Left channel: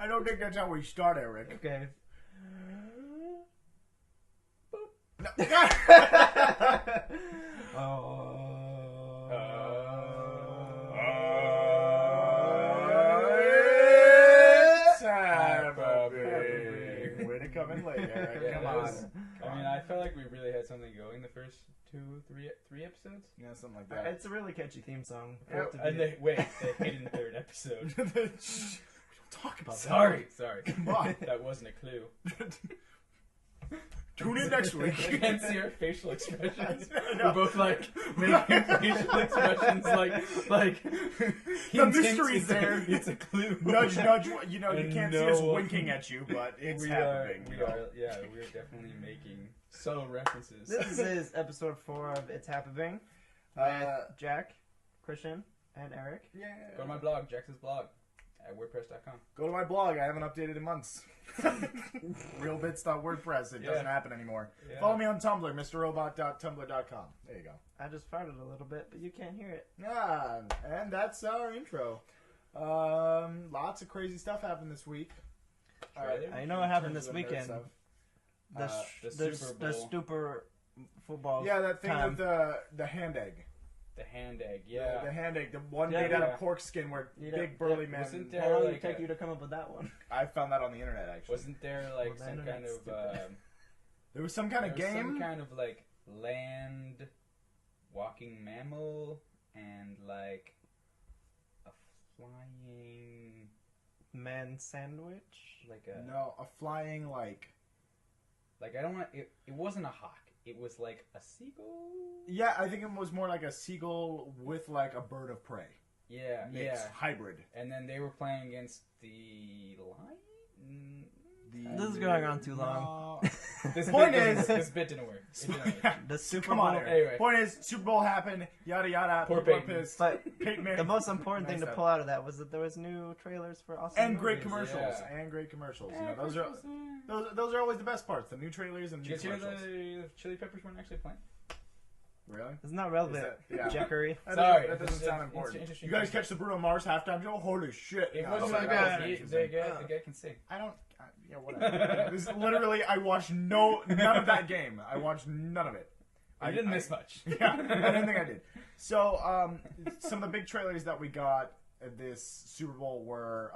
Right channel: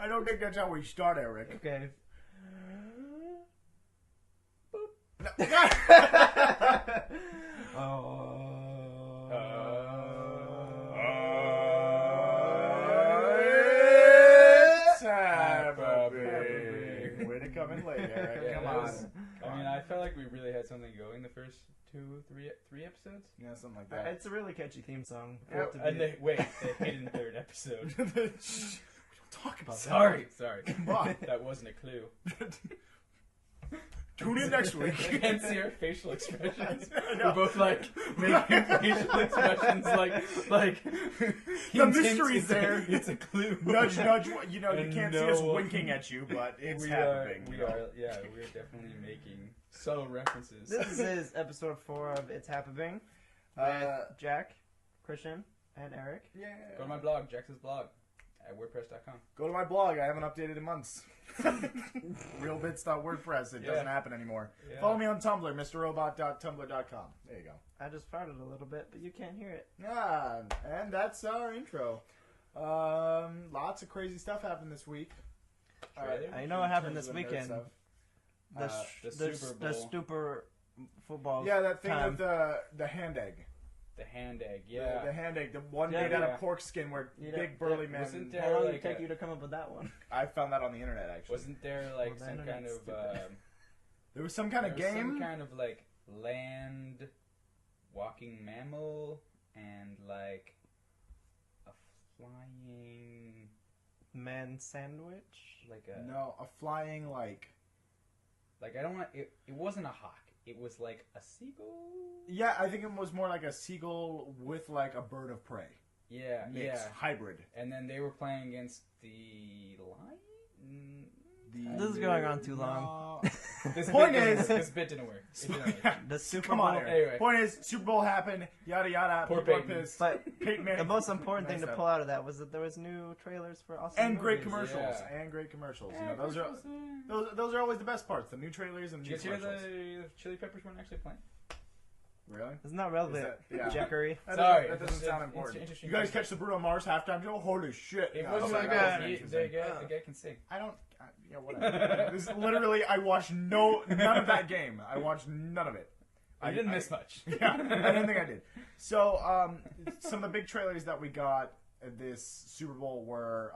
I don't think that's how we start, Eric. Okay. No. It's HAPPEBING. Way to come in late, Eric. Yeah, Come that on. was- I mean, I felt like we really had something going the first three episodes. Yeah, something like that. It's a really catchy theme song. Yep. And the hidden third episode. We don't talk about Sorry. Come on. That wasn't a clue. Tune in next week. You can't see our facial expressions. I know. We're both like making facial expressions like The mystery's there. It's a clue. Nudge, nudge. You know, you And can't see us no- winking at you, but it's we happening. are definitely making subtle references. This is episode 4 of It's HAPPEBING. Jack, Christian, and Eric. Yeah. Go to my blog, Jackson's blog, at WordPress.com. Go to my blog. I haven't updated in months. Realbits.wordpress. It doesn't happen anymore. Yeah. Follow me on Tumblr, mrrobot.tumblr.com. There you go. I just farted a little bit, but you can't hear it. Yeah, and that's our intro. Lots of crazy stuff happened this week. I know what happened this weekend. The the Stuper football. Yeah, that thing time. with the hand egg. The hand egg, yeah. The hand egg, the one Yeah, made out yeah. of pork skin where Yeah, big burly yeah. man. Wasn't there How long did it like take a- you to come up with that one? I found that on the internet actually. Wasn't there like Well, some then kind it's of There was some kind of there was game. some kind of like land walking mammal and like a flying Man sandwich? like a No, a flying like. like I don't want it wasn't a hawk. It was like a seagull. Yeah, I think it was more like a seagull with like a bird of prey. Yeah, Mix, yeah. hybrid. And then they were playing against the lion. This is going on too long. This Point bit didn't is- work. This bit didn't work. It didn't work. The Super Come Bowl. on, Eric. Anyway. Point is, Super Bowl happened. Yada yada. Poor People are Peyton. pissed. But Peyton Manning. the most important thing Nice to stuff. pull out of that was that there was new trailers for awesome And great movies. commercials. Yeah. And great commercials. You Yeah, know, those are always the best parts. The new trailers and Did new you hear commercials. the Chili Peppers weren't actually playing? Really? It's not relevant, Is that- yeah. Jackery. Sorry, That doesn't it's sound an important. interesting You guys concept. catch the Bruno Mars halftime show? Holy shit. It No, wasn't sorry, like that that. was The interesting. guy can sing. I don't. Yeah, whatever. This is literally, I watched none of that game. I watched none of it. I didn't miss much. Yeah, I didn't think I did. So, some of the big trailers that we got at this Super Bowl were,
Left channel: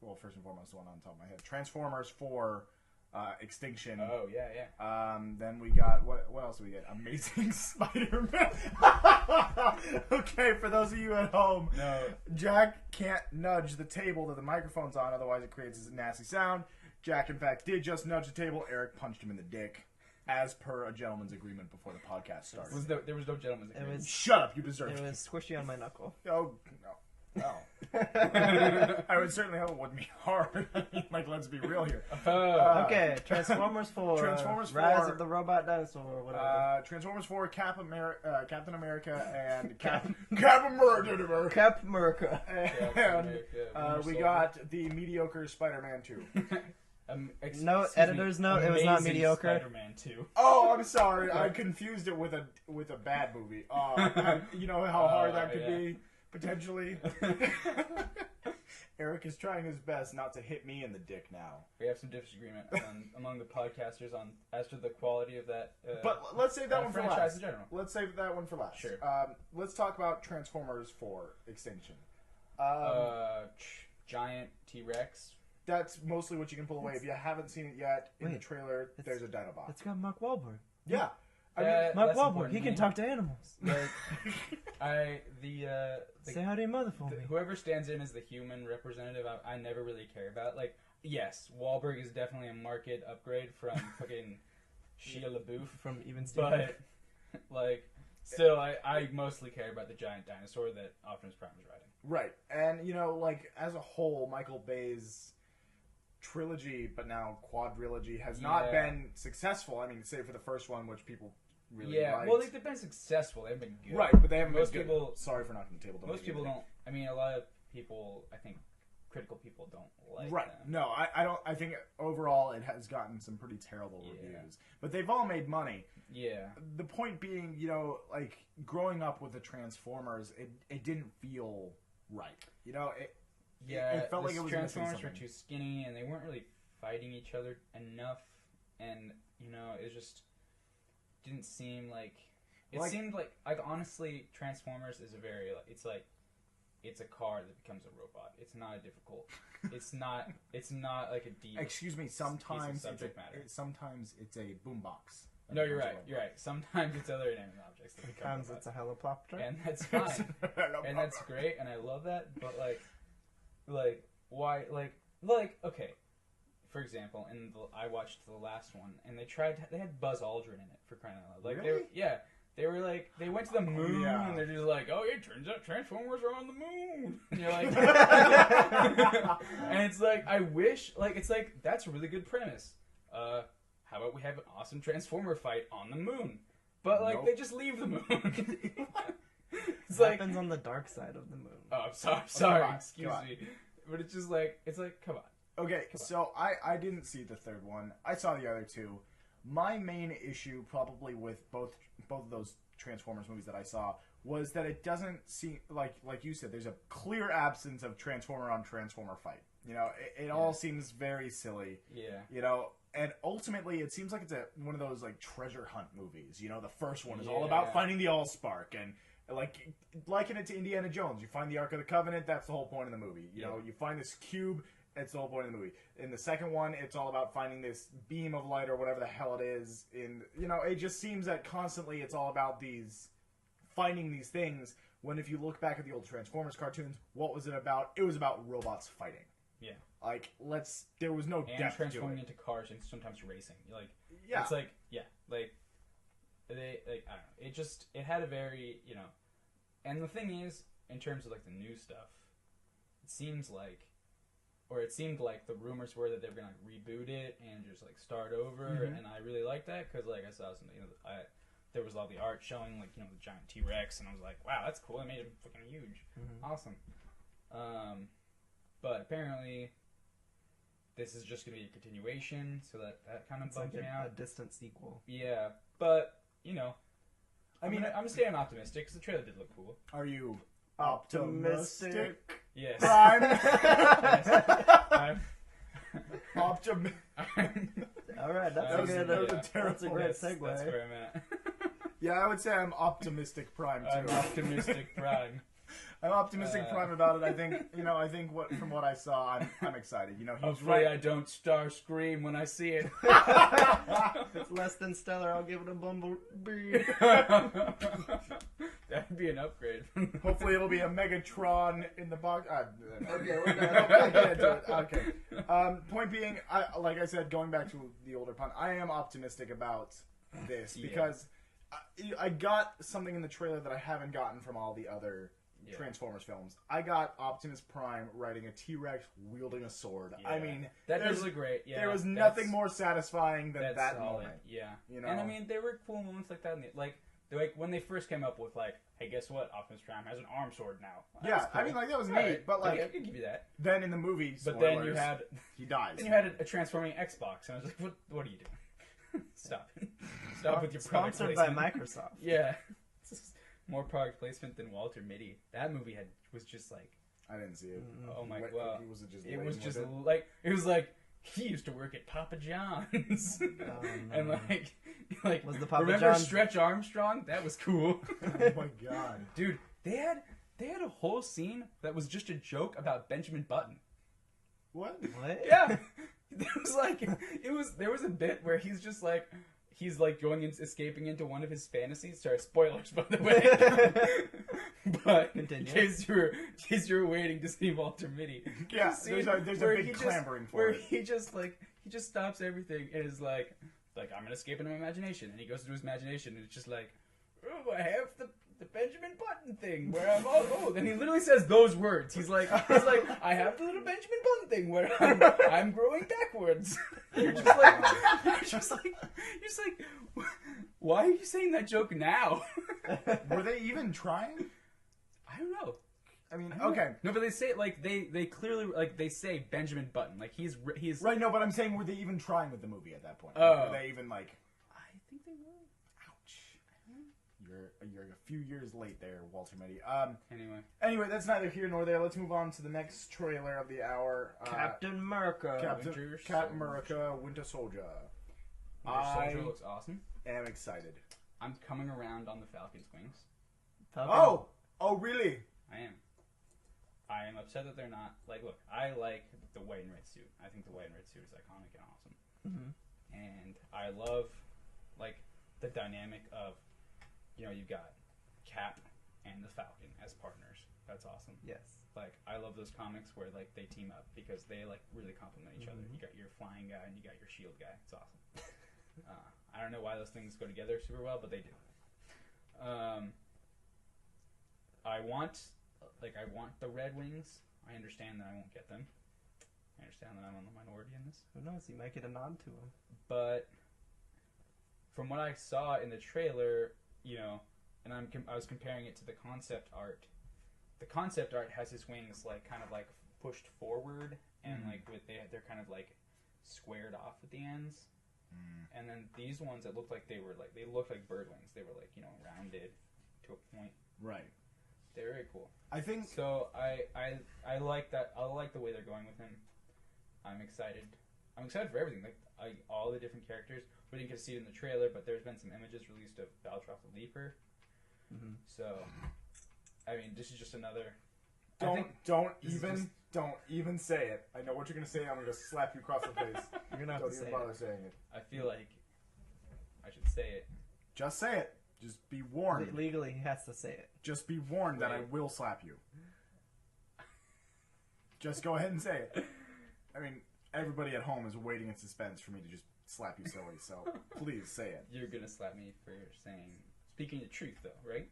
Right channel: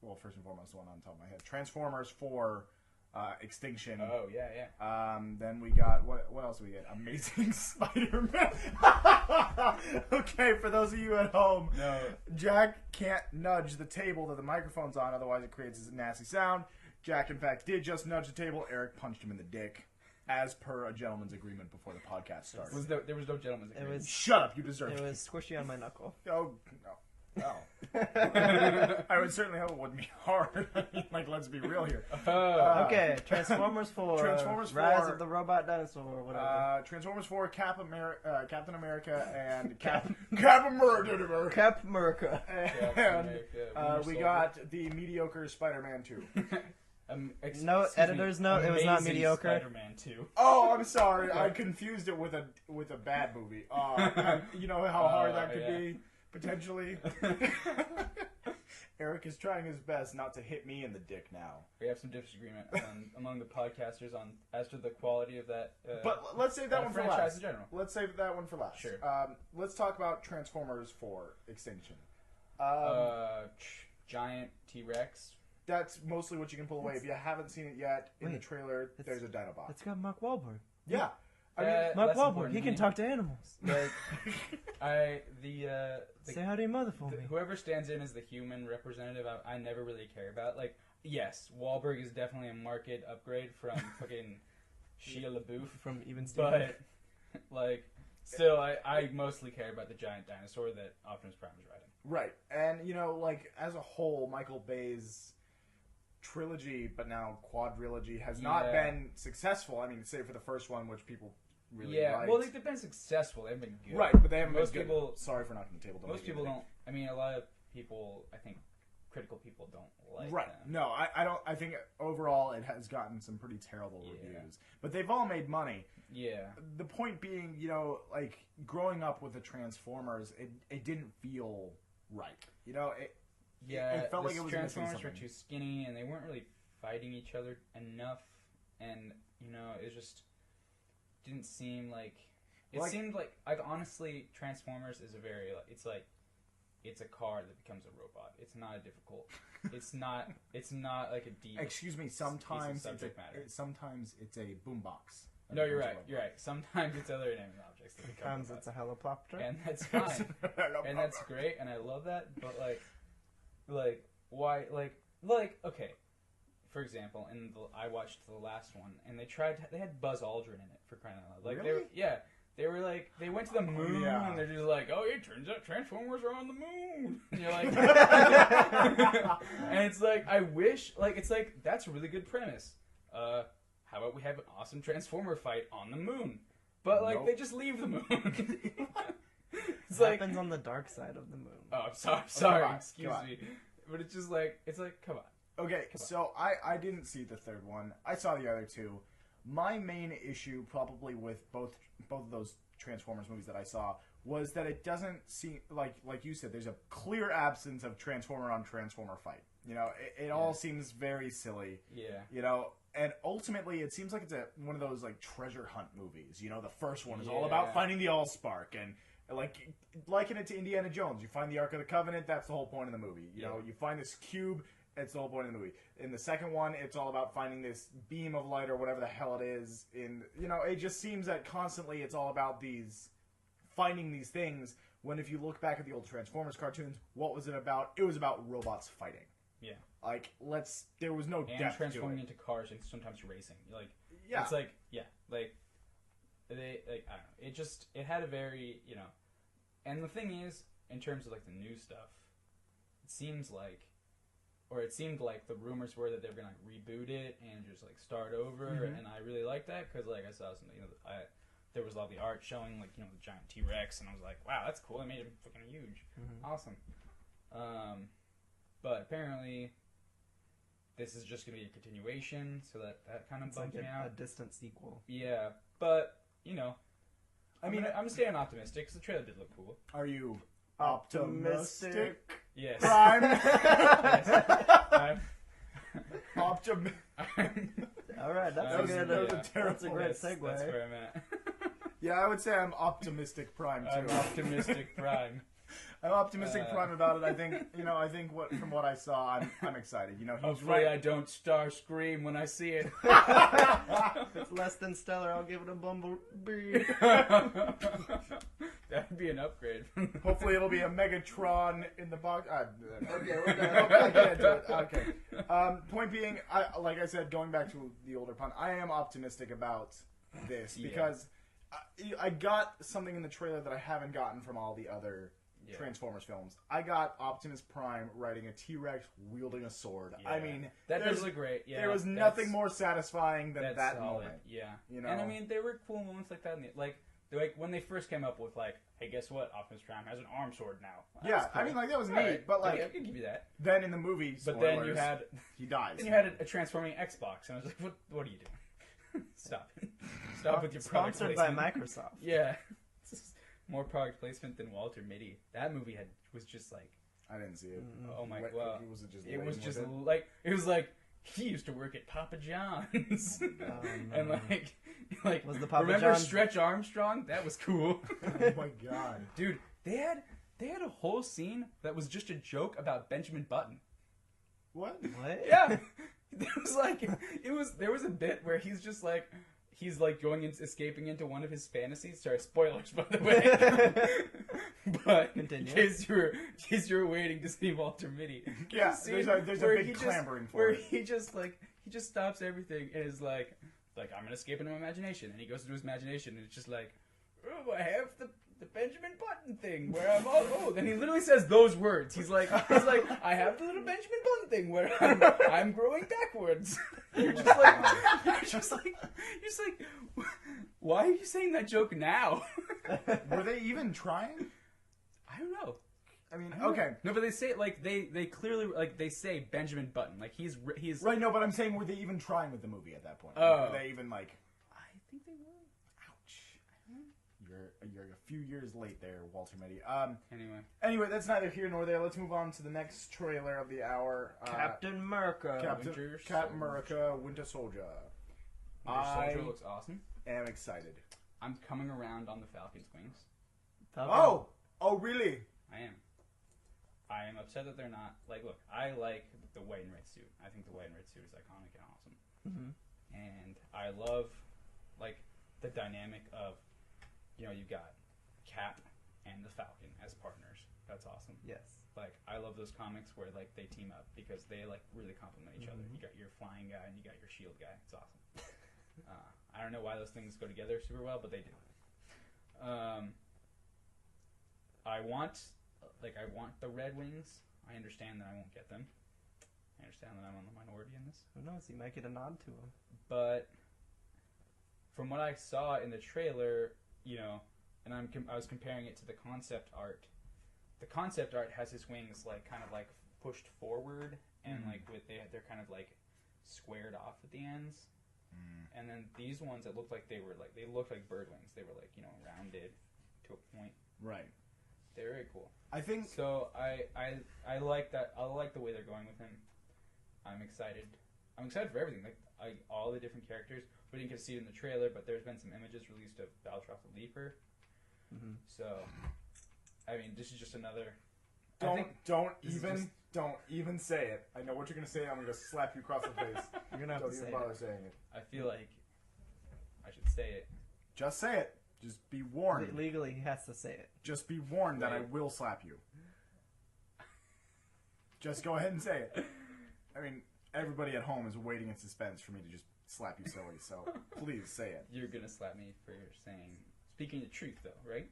well, first and foremost, the one on top of my head, Transformers 4 Extinction. Oh yeah. Then we got, what else did we get? Amazing Spider-Man. Okay, for those of you at home, No. Jack can't nudge the table that the microphone's on, otherwise it creates a nasty sound. Jack, in fact, did just nudge the table. Eric punched him in the dick, as per a gentleman's agreement before the podcast started. There was no gentleman's It agreement. was, Shut up, you deserve it it. was squishy on my knuckle. Oh, no. I would certainly hope it wouldn't be hard. Like, let's be real here. Okay, Transformers 4. Transformers 4. Rise of the Robot Dinosaur, or whatever. Transformers 4, Captain America, and Captain America. Cap America. And we got the mediocre Spider-Man 2. No, excuse editor's me, note, it was not Amazing mediocre. Spider-Man 2. Oh, I'm sorry. I confused it with a bad movie. You know how hard that could yeah. be, potentially? Eric is trying his best not to hit me in the dick now. We have some disagreement among the podcasters as to the quality of that. But let's save that one for franchise last. in general. Let's save that one for last. Sure. Let's talk about Transformers 4 Extinction. Giant T-Rex. That's mostly what you can pull away. If you haven't seen it yet, in the trailer, there's a Dinobot. It's got Mark Wahlberg. Yeah. I mean, Mark Less Wahlberg, important he to can me. talk to animals. The Say how do you mother for me. whoever stands in as the human representative, I never really care about. Like, yes, Wahlberg is definitely a market upgrade from fucking Shia LaBeouf, From Even Steve. but like, still, I mostly care about the giant dinosaur that Optimus Prime is riding. right. And, you know, like, as a whole, Michael Bay's trilogy, but now quadrilogy, has not Yeah. been successful. I mean, save for the first one, which people really Yeah, liked. well, they've been successful. They've been good. Right, but they haven't Most been good. people- Sorry for knocking the table. Don't Most make me people think. don't. I mean, a lot of people, I think, critical people don't like Right. them. No, I don't. I think overall it has gotten some pretty terrible Yeah. reviews, but they've all made money. Yeah. The point being, you know, like growing up with the Transformers, it didn't feel right. You know, Yeah, it felt like it was missing Transformers were something. too skinny, and they weren't really fighting each other enough. And you know, it just didn't seem like it Like- seemed like honestly, Transformers is a very it's a car that becomes a robot. It's not a difficult. It's not like a deep. Excuse me. Sometimes subject matter. Sometimes it's a boombox. No, you're right. You're right. Sometimes it's other inanimate objects that become Sometimes it's robots. a helicopter. And that's fine. And that's great, and I love that. But why? Okay. For example, I watched the last one, and they had Buzz Aldrin in it for crying out loud. Really? They were like, they went to the moon, yeah. and they're just like, oh, it turns out Transformers are on the moon. And you're like, and it's like, I wish, it's like, that's a really good premise. How about we have an awesome Transformer fight on the moon? But Nope. they just leave the moon. It's It like, happens on the dark side of the moon. oh, I'm sorry, Come on, excuse come on. me. But it's just like, come on. Okay, so I didn't see the third one. I saw the other two. My main issue, probably with both of those Transformers movies that I saw, was that it doesn't seem like you said. There's a clear absence of Transformer on Transformer fight. You know, it all seems very silly. Yeah. You know, and ultimately it seems like it's one of those like treasure hunt movies. You know, the first one is all about Yeah. finding the Allspark and. Liken it to Indiana Jones. You find the Ark of the Covenant, that's the whole point of the movie. You know, you find this cube, it's the whole point of the movie. In the second one, it's all about finding this beam of light or whatever the hell it is. It just seems that constantly it's all about finding these things, when if you look back at the old Transformers cartoons, what was it about? It was about robots fighting. Yeah. There was no And depth to transforming it. into cars and sometimes racing. Yeah. It's I don't know. It had a very, and the thing is, in terms of the new stuff, it seemed like the rumors were that they were gonna reboot it and just start over, and I really liked that because I saw something, there was all the art showing the giant T-Rex, and I was like, wow, that's cool. It made him fucking huge, awesome. But apparently, this is just gonna be a continuation, so that kind of It's like bugged me out. a distant sequel. Yeah, but I'm staying optimistic because the trailer did look cool. Are you optimistic? Yes. Prime? I'm Optimistic. Alright, That was a that's a terrible- great That's segue. where I'm at. Yeah, I would say I'm optimistic Prime I'm too. optimistic prime. I'm optimistic Prime about it. I think from what I saw, I'm excited. He's Hopefully right. I don't scream when I see it. If it's less than stellar, I'll give it a bumblebee. That'd be an upgrade. Hopefully it'll be a Megatron in the box. Okay, we're I can't do it. Okay. Point being, like I said, going back to the older pun, I am optimistic about this because I got something in the trailer that I haven't gotten from all the other Transformers films. I got Optimus Prime riding a T-Rex wielding a sword. Yeah. I mean, That does look great. Yeah, there was nothing more satisfying than that's that solid. moment. Yeah. You know? And I mean, there were cool moments like that. When they first came up with hey, guess what? Optimus Prime has an arm sword now. That was cool. I mean, that was neat. Right. But I can give you that. then in the movie, But then you spoilers, had he dies. Then you had a transforming Xbox, and I was like, "What are you doing? Stop it! Stop with your product Sponsored by placement." Microsoft. Yeah, more product placement than Walter Mitty. That movie was just like, I didn't see it. oh my Wait, god, was it just? it lame was with just it? it was like he used to work at Papa John's, and like Was the Papa remember John's- Stretch Armstrong? That was cool, Oh my god. dude. They had a whole scene that was just a joke about Benjamin Button. What? What? Yeah, there was a bit where he's escaping into one of his fantasies. Sorry, spoilers by the way. But Continue. in case you're waiting to see Walter Mitty, Yeah, a scene there's a where big he just- clamoring for where it. he just stops everything and is like I'm gonna escape into my imagination, and he goes into his imagination and it's just like, oh, I have the Benjamin Button thing where I'm all old, and he literally says those words. He's like I have the little Benjamin Button thing where I'm growing backwards. You're just like why are you saying that joke now? Were they even trying? I don't know. I mean, okay. No, but they say it they clearly they say Benjamin Button, he's Right, no, but I'm saying, were they even trying with the movie at that point? Oh. Were they even like, I think they will. ouch. You You're a few years late there, Walter Mitty. Anyway, that's neither here nor there. Let's move on to the next trailer of the hour. Captain America. Captain America, Winter Soldier. Winter Soldier looks awesome. Am excited. I'm coming around on the Falcon's wings. Oh, really? I am upset that they're not look. I like the white and red suit. I think the white and red suit is iconic and awesome. Mm-hmm. And I love the dynamic of you've got Cap and the Falcon as partners. That's awesome. Yes. I love those comics where they team up because they really complement each other. You got your flying guy and you got your shield guy. It's awesome. I don't know why those things go together super well, but they do. I want the Red Wings. I understand that I won't get them. I understand that I'm on the minority in this. Who knows? You might get a nod to him. But from what I saw in the trailer, and I was comparing it to the concept art. The concept art has his wings kind of pushed forward, and they're kind of squared off at the ends. And then these ones, it looked like they looked like bird wings. They were rounded to a point. Right. They're very cool. I think so. I like that. I like the way they're going with him. I'm excited. I'm excited for everything. All the different characters. We didn't get to see it in the trailer, but there's been some images released of Batroc the Leaper. Mm-hmm. So, I mean, this is just another. Don't even say it. I know what you're gonna say. I'm gonna slap you across the face. You're gonna have don't to even say bother it. saying it. I feel like I should say it. Just say it. Just be warned. Legally, he has to say it. Just be warned that I will slap you. Just go ahead and say it. I mean, everybody at home is waiting in suspense for me to just slap you silly, so please say it. You're gonna slap me for speaking the truth, though, right?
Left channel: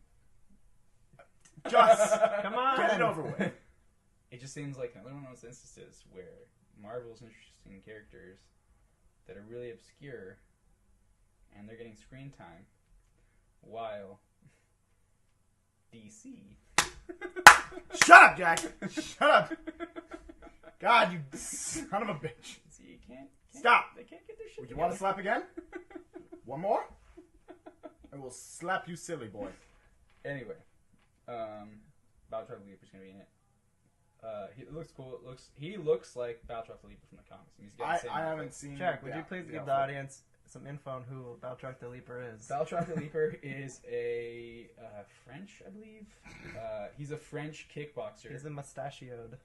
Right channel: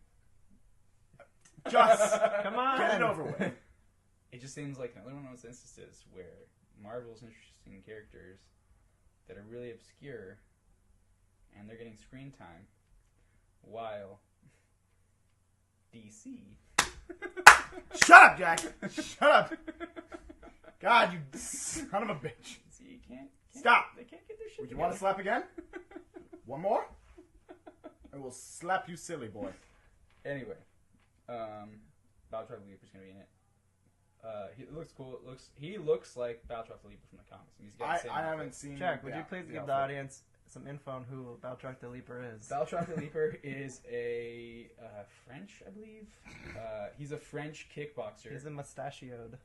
Just come on, get it over with. It just seems like another one of those instances where Marvel's interesting characters that are really obscure, and they're getting screen time, while DC. Shut up, Jack! Shut up! God, you son of a bitch! See, you can't stop. They can't get their shit You together. want to slap again? One more? I will slap you, silly boy. Anyway, Batroc the Leaper's gonna be in it. He looks cool. He looks like Batroc the Leaper from the comics. He's got the same I outfit. haven't seen. Jack, would you please give the audience some info on who Batroc the Leaper is? Batroc the Leaper is a French, I believe. He's a French kickboxer. He's a mustachioed.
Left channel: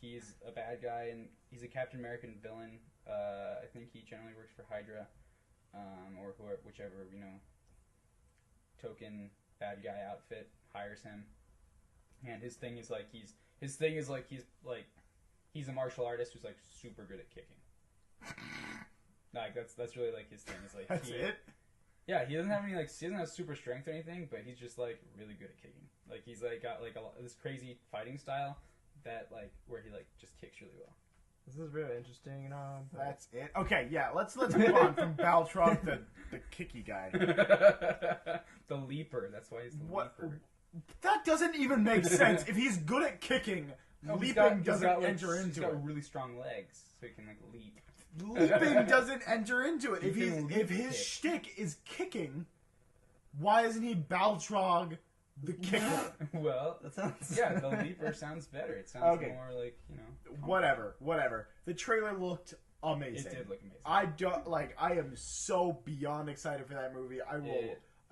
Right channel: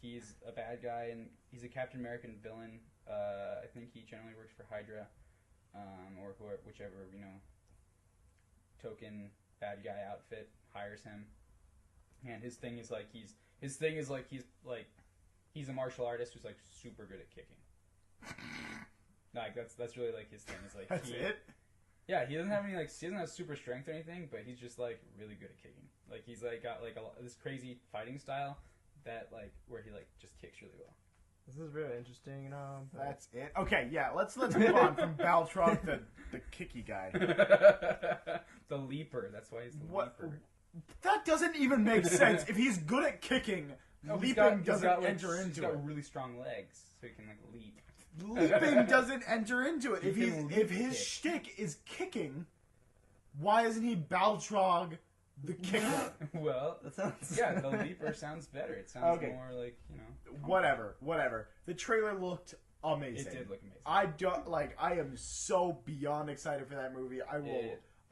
He's a bad guy, and he's a Captain American villain. I think he generally works for Hydra, or whichever token bad guy outfit hires him. And his thing is he's a martial artist who's super good at kicking. That's really his thing. Is That's it. Yeah, he doesn't have any he doesn't have super strength or anything, but he's just really good at kicking. He's got this crazy fighting style that where he just kicks really well. This is really interesting, That's it. Okay, yeah, let's move on from Batroc, the kicky guy. The Leaper. That's why he's the Leaper. That doesn't even make sense. If he's good at kicking, leaping doesn't enter into it. He's got really strong legs, so he can leap. Leaping doesn't enter into it. If his shtick is kicking, why isn't he Baltrog the kicker? Well, that sounds... Yeah, the Leaper sounds better. It sounds more Whatever. The trailer looked amazing. It did look amazing. I am so beyond excited for that movie. I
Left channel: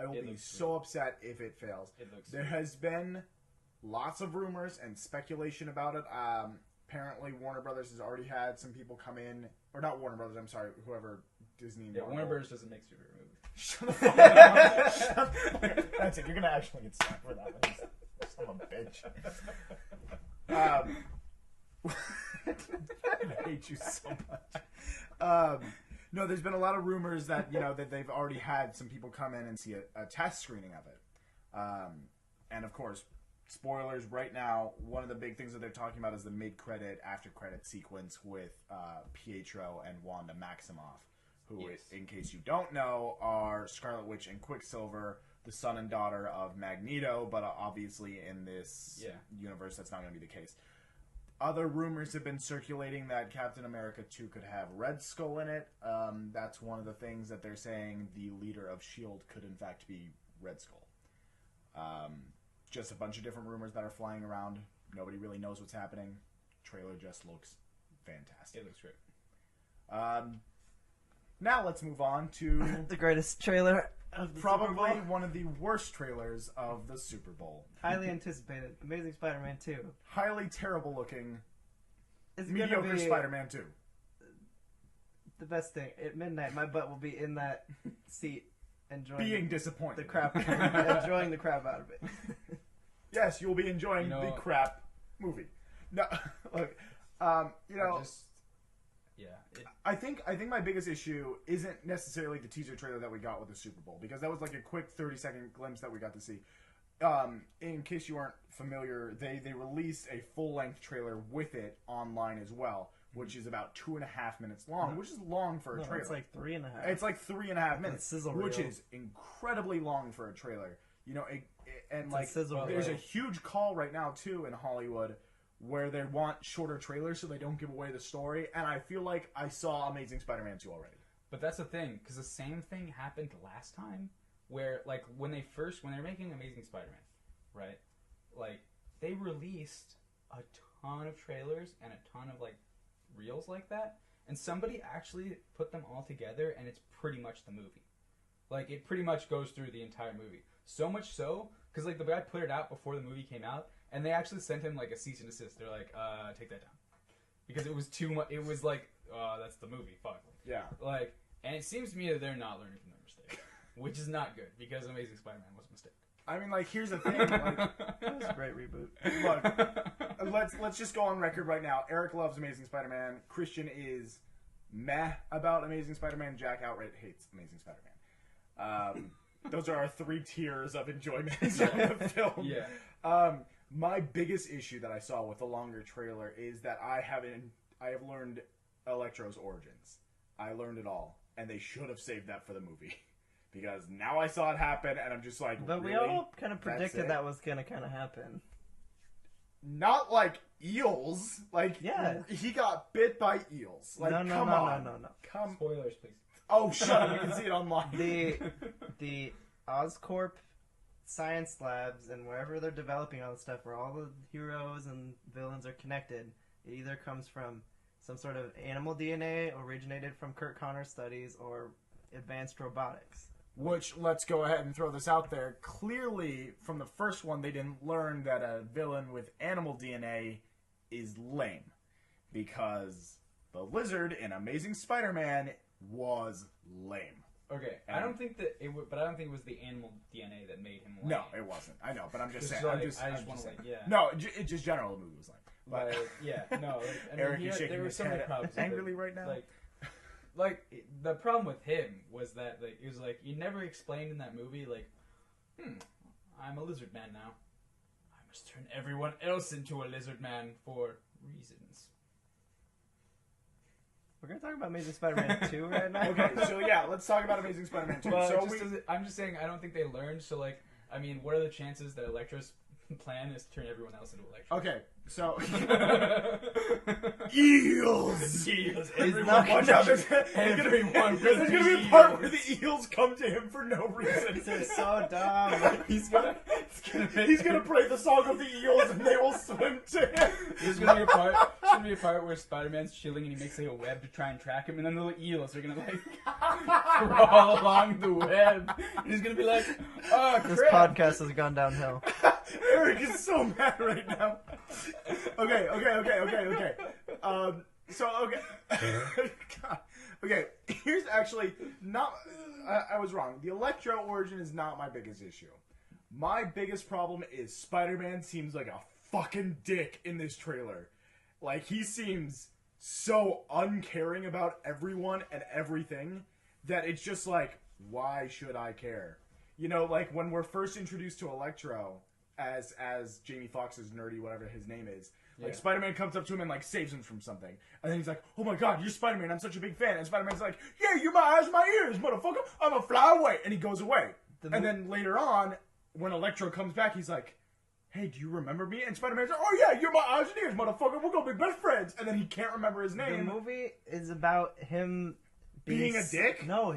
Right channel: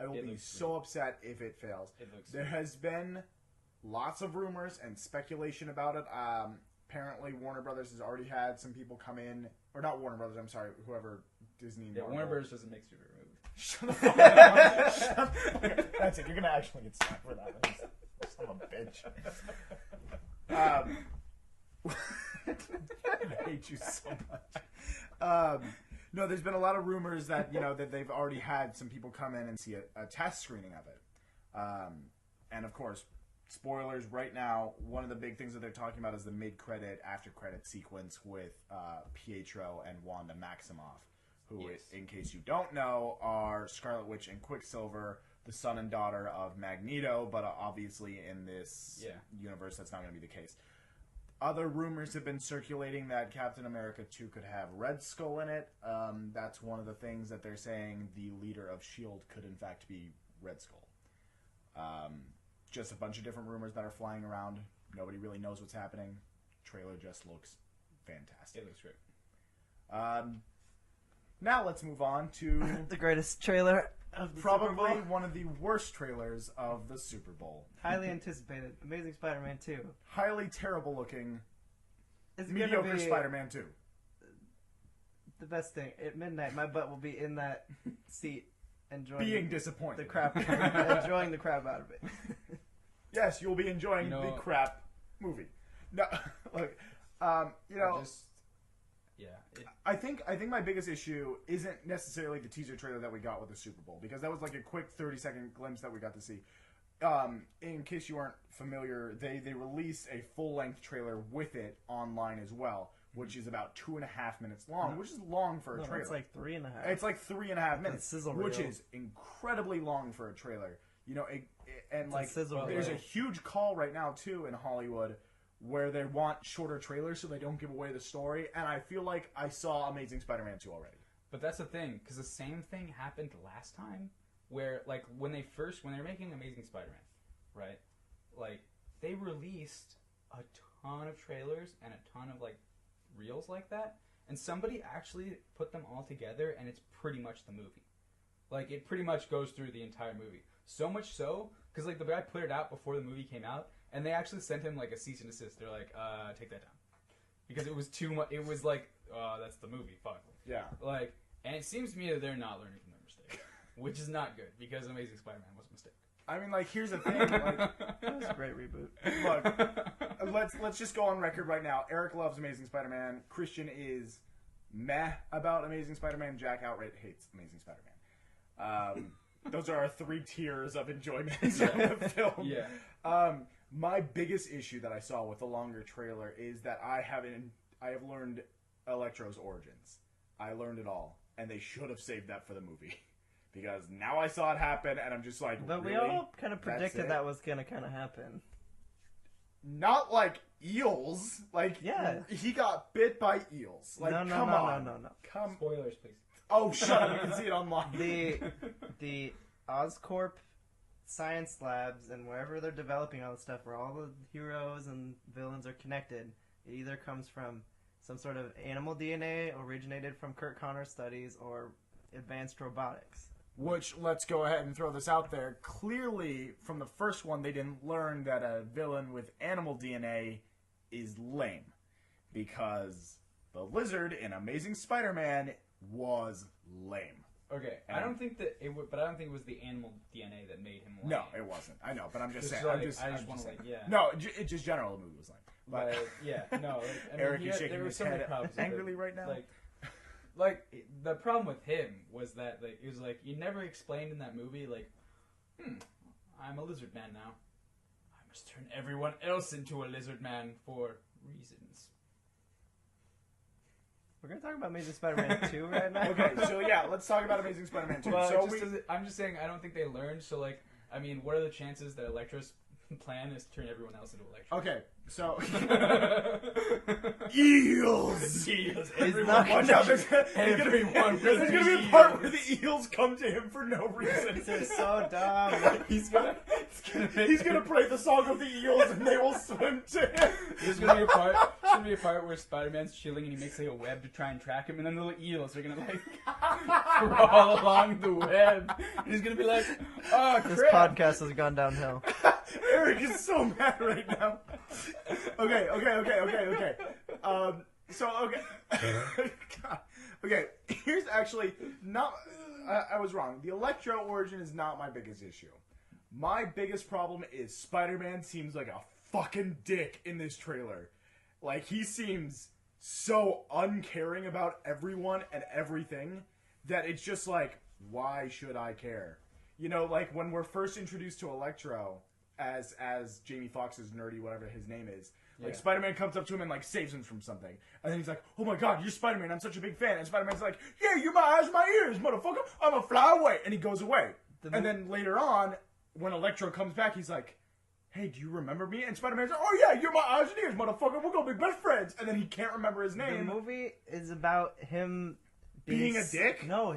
will be so upset if it fails. There has been lots of rumors and speculation about it. Apparently, Warner Brothers has already had some people come in, or not Warner Brothers. I'm sorry, whoever Disney. Yeah, Warner Brothers doesn't make super movies. Shut up. That's it. You're gonna actually get slapped for that one. Son of a bitch. I hate you so much. No, there's been a lot of rumors that that they've already had some people come in and see a test screening of it, and of course, spoilers right now. One of the big things that they're talking about is the mid-credit, after-credit sequence with Pietro and Wanda Maximoff, who, in case you don't know, are Scarlet Witch and Quicksilver, the son and daughter of Magneto, but obviously in this universe that's not going to be the case. Other rumors have been circulating that Captain America 2 could have Red Skull in it. That's one of the things that they're saying the leader of S.H.I.E.L.D. could in fact be Red Skull. Just a bunch of different rumors that are flying around. Nobody really knows what's happening. Trailer just looks fantastic. It looks great. Now let's move on to The greatest trailer of the probably Super Bowl. one of the worst trailers of the Super Bowl. Highly anticipated. Amazing Spider-Man 2. Highly terrible looking, It's gonna mediocre be Spider-Man 2. the best thing. At midnight, my butt will be in that seat enjoying Being disappointed. the crap, enjoying the crap out of it. Yes, you'll be enjoying the crap movie. No, look, I think my biggest issue isn't necessarily the teaser trailer that we got with the Super Bowl, because that was like a quick 30-second glimpse that we got to see. In case you aren't familiar, they released a full-length trailer with it online as well, which is about 2.5 minutes long, which is long for a trailer. It's like 3.5. It's like 3.5 minutes, sizzle which reel. is incredibly long for a trailer. You know, and It's like a sizzle there's a reel. huge call right now too in Hollywood where they want shorter trailers so they don't give away the story. And I feel like I saw Amazing Spider-Man 2 already. But that's the thing, because the same thing happened last time, where like when they're making Amazing Spider-Man, right? Like they released a ton of trailers and a ton of like reels like that, and somebody actually put them all together, and it's pretty much the movie. Like it pretty much goes through the entire movie. So much so, because like the guy put it out before the movie came out, and they actually sent him like a cease and desist. They're like, take that down, because it was too much. It was like, that's the movie. Fuck. Yeah. Like, and it seems to me that they're not learning from their mistake, which is not good, because Amazing Spider-Man was a mistake. I mean, like, here's the thing. Like, That was a great reboot. look, let's just go on record right now. Eric loves Amazing Spider-Man. Christian is meh about Amazing Spider-Man. Jack outright hates Amazing Spider-Man. Those are our 3 tiers of enjoyment of the film. Yeah. My biggest issue that I saw with the longer trailer is that I have learned Electro's origins. I learned it all, and they should have saved that for the movie. Because now I saw it happen, and I'm just like, But we really? all kind of predicted that was going to kind of happen. Not like eels. Like, Yeah. he got bit by eels. Like, No. come on. Come. Spoilers, please. Oh, shut up. You can see it online. The Oscorp science labs and wherever they're developing all this stuff, where all the heroes and villains are connected, it either comes from some sort of animal DNA, originated from Kurt Connor's studies, or advanced robotics. Which, let's go ahead and throw this out there. Clearly, from the first one, they didn't learn that a villain with animal DNA is lame. Because the lizard in Amazing Spider-Man was lame. Okay, I don't think that it would, but I don't think it was the animal DNA that made him lame. No, it wasn't. I know, but I'm just saying. Like, I'm just want saying. to, yeah. No, it just general the movie was lame. But yeah, no. Like, I mean, Eric is shaking there were his so many head problems angrily right now. Like the problem with him was that like it was like you never explained in that movie like, I'm a lizard man now. I must turn everyone else into a lizard man for reasons. We're going to talk about Amazing Spider-Man 2 right now. Okay, so yeah, let's talk about Amazing Spider-Man 2. Well, So I'm just saying I don't think they learned. So like, I mean, what are the chances that Electro's plan is to turn everyone else into Electro? okay, so eels. Everyone not Watch out, there's Everyone there's will gonna be be a part eels. where the eels come to him for no reason. This is so dumb. He's gonna play the song of the eels, and they will swim to him. There's gonna be a part where Spider-Man's chilling and he makes like a web to try and track him, and then little eels are gonna like crawl along the web. And he's gonna be like, "Oh This crap!" podcast has gone downhill. Eric is so mad right now. Okay. Okay, here's actually not. I was wrong. The Electro origin is not my biggest issue. My biggest problem is Spider-Man seems like a fucking dick in this trailer. Like, he seems so uncaring about everyone and everything that it's just like, why should I care? You know, like when we're first introduced to Electro as Jamie Foxx's nerdy, whatever his name is, like Spider-Man comes up to him and like saves him from something, and then he's like, "Oh my God, you're Spider-Man! I'm such a big fan." And Spider-Man's like, "Yeah, you're my eyes, my ears, motherfucker! I'm gonna fly away," and he goes away. And then later on, when Electro comes back, he's like, "Hey, do you remember me?" And Spider-Man's like, "Oh yeah, you're my eyes and ears, motherfucker! We're gonna be best friends." And then he can't remember his The name. movie is about him Being a dick? No,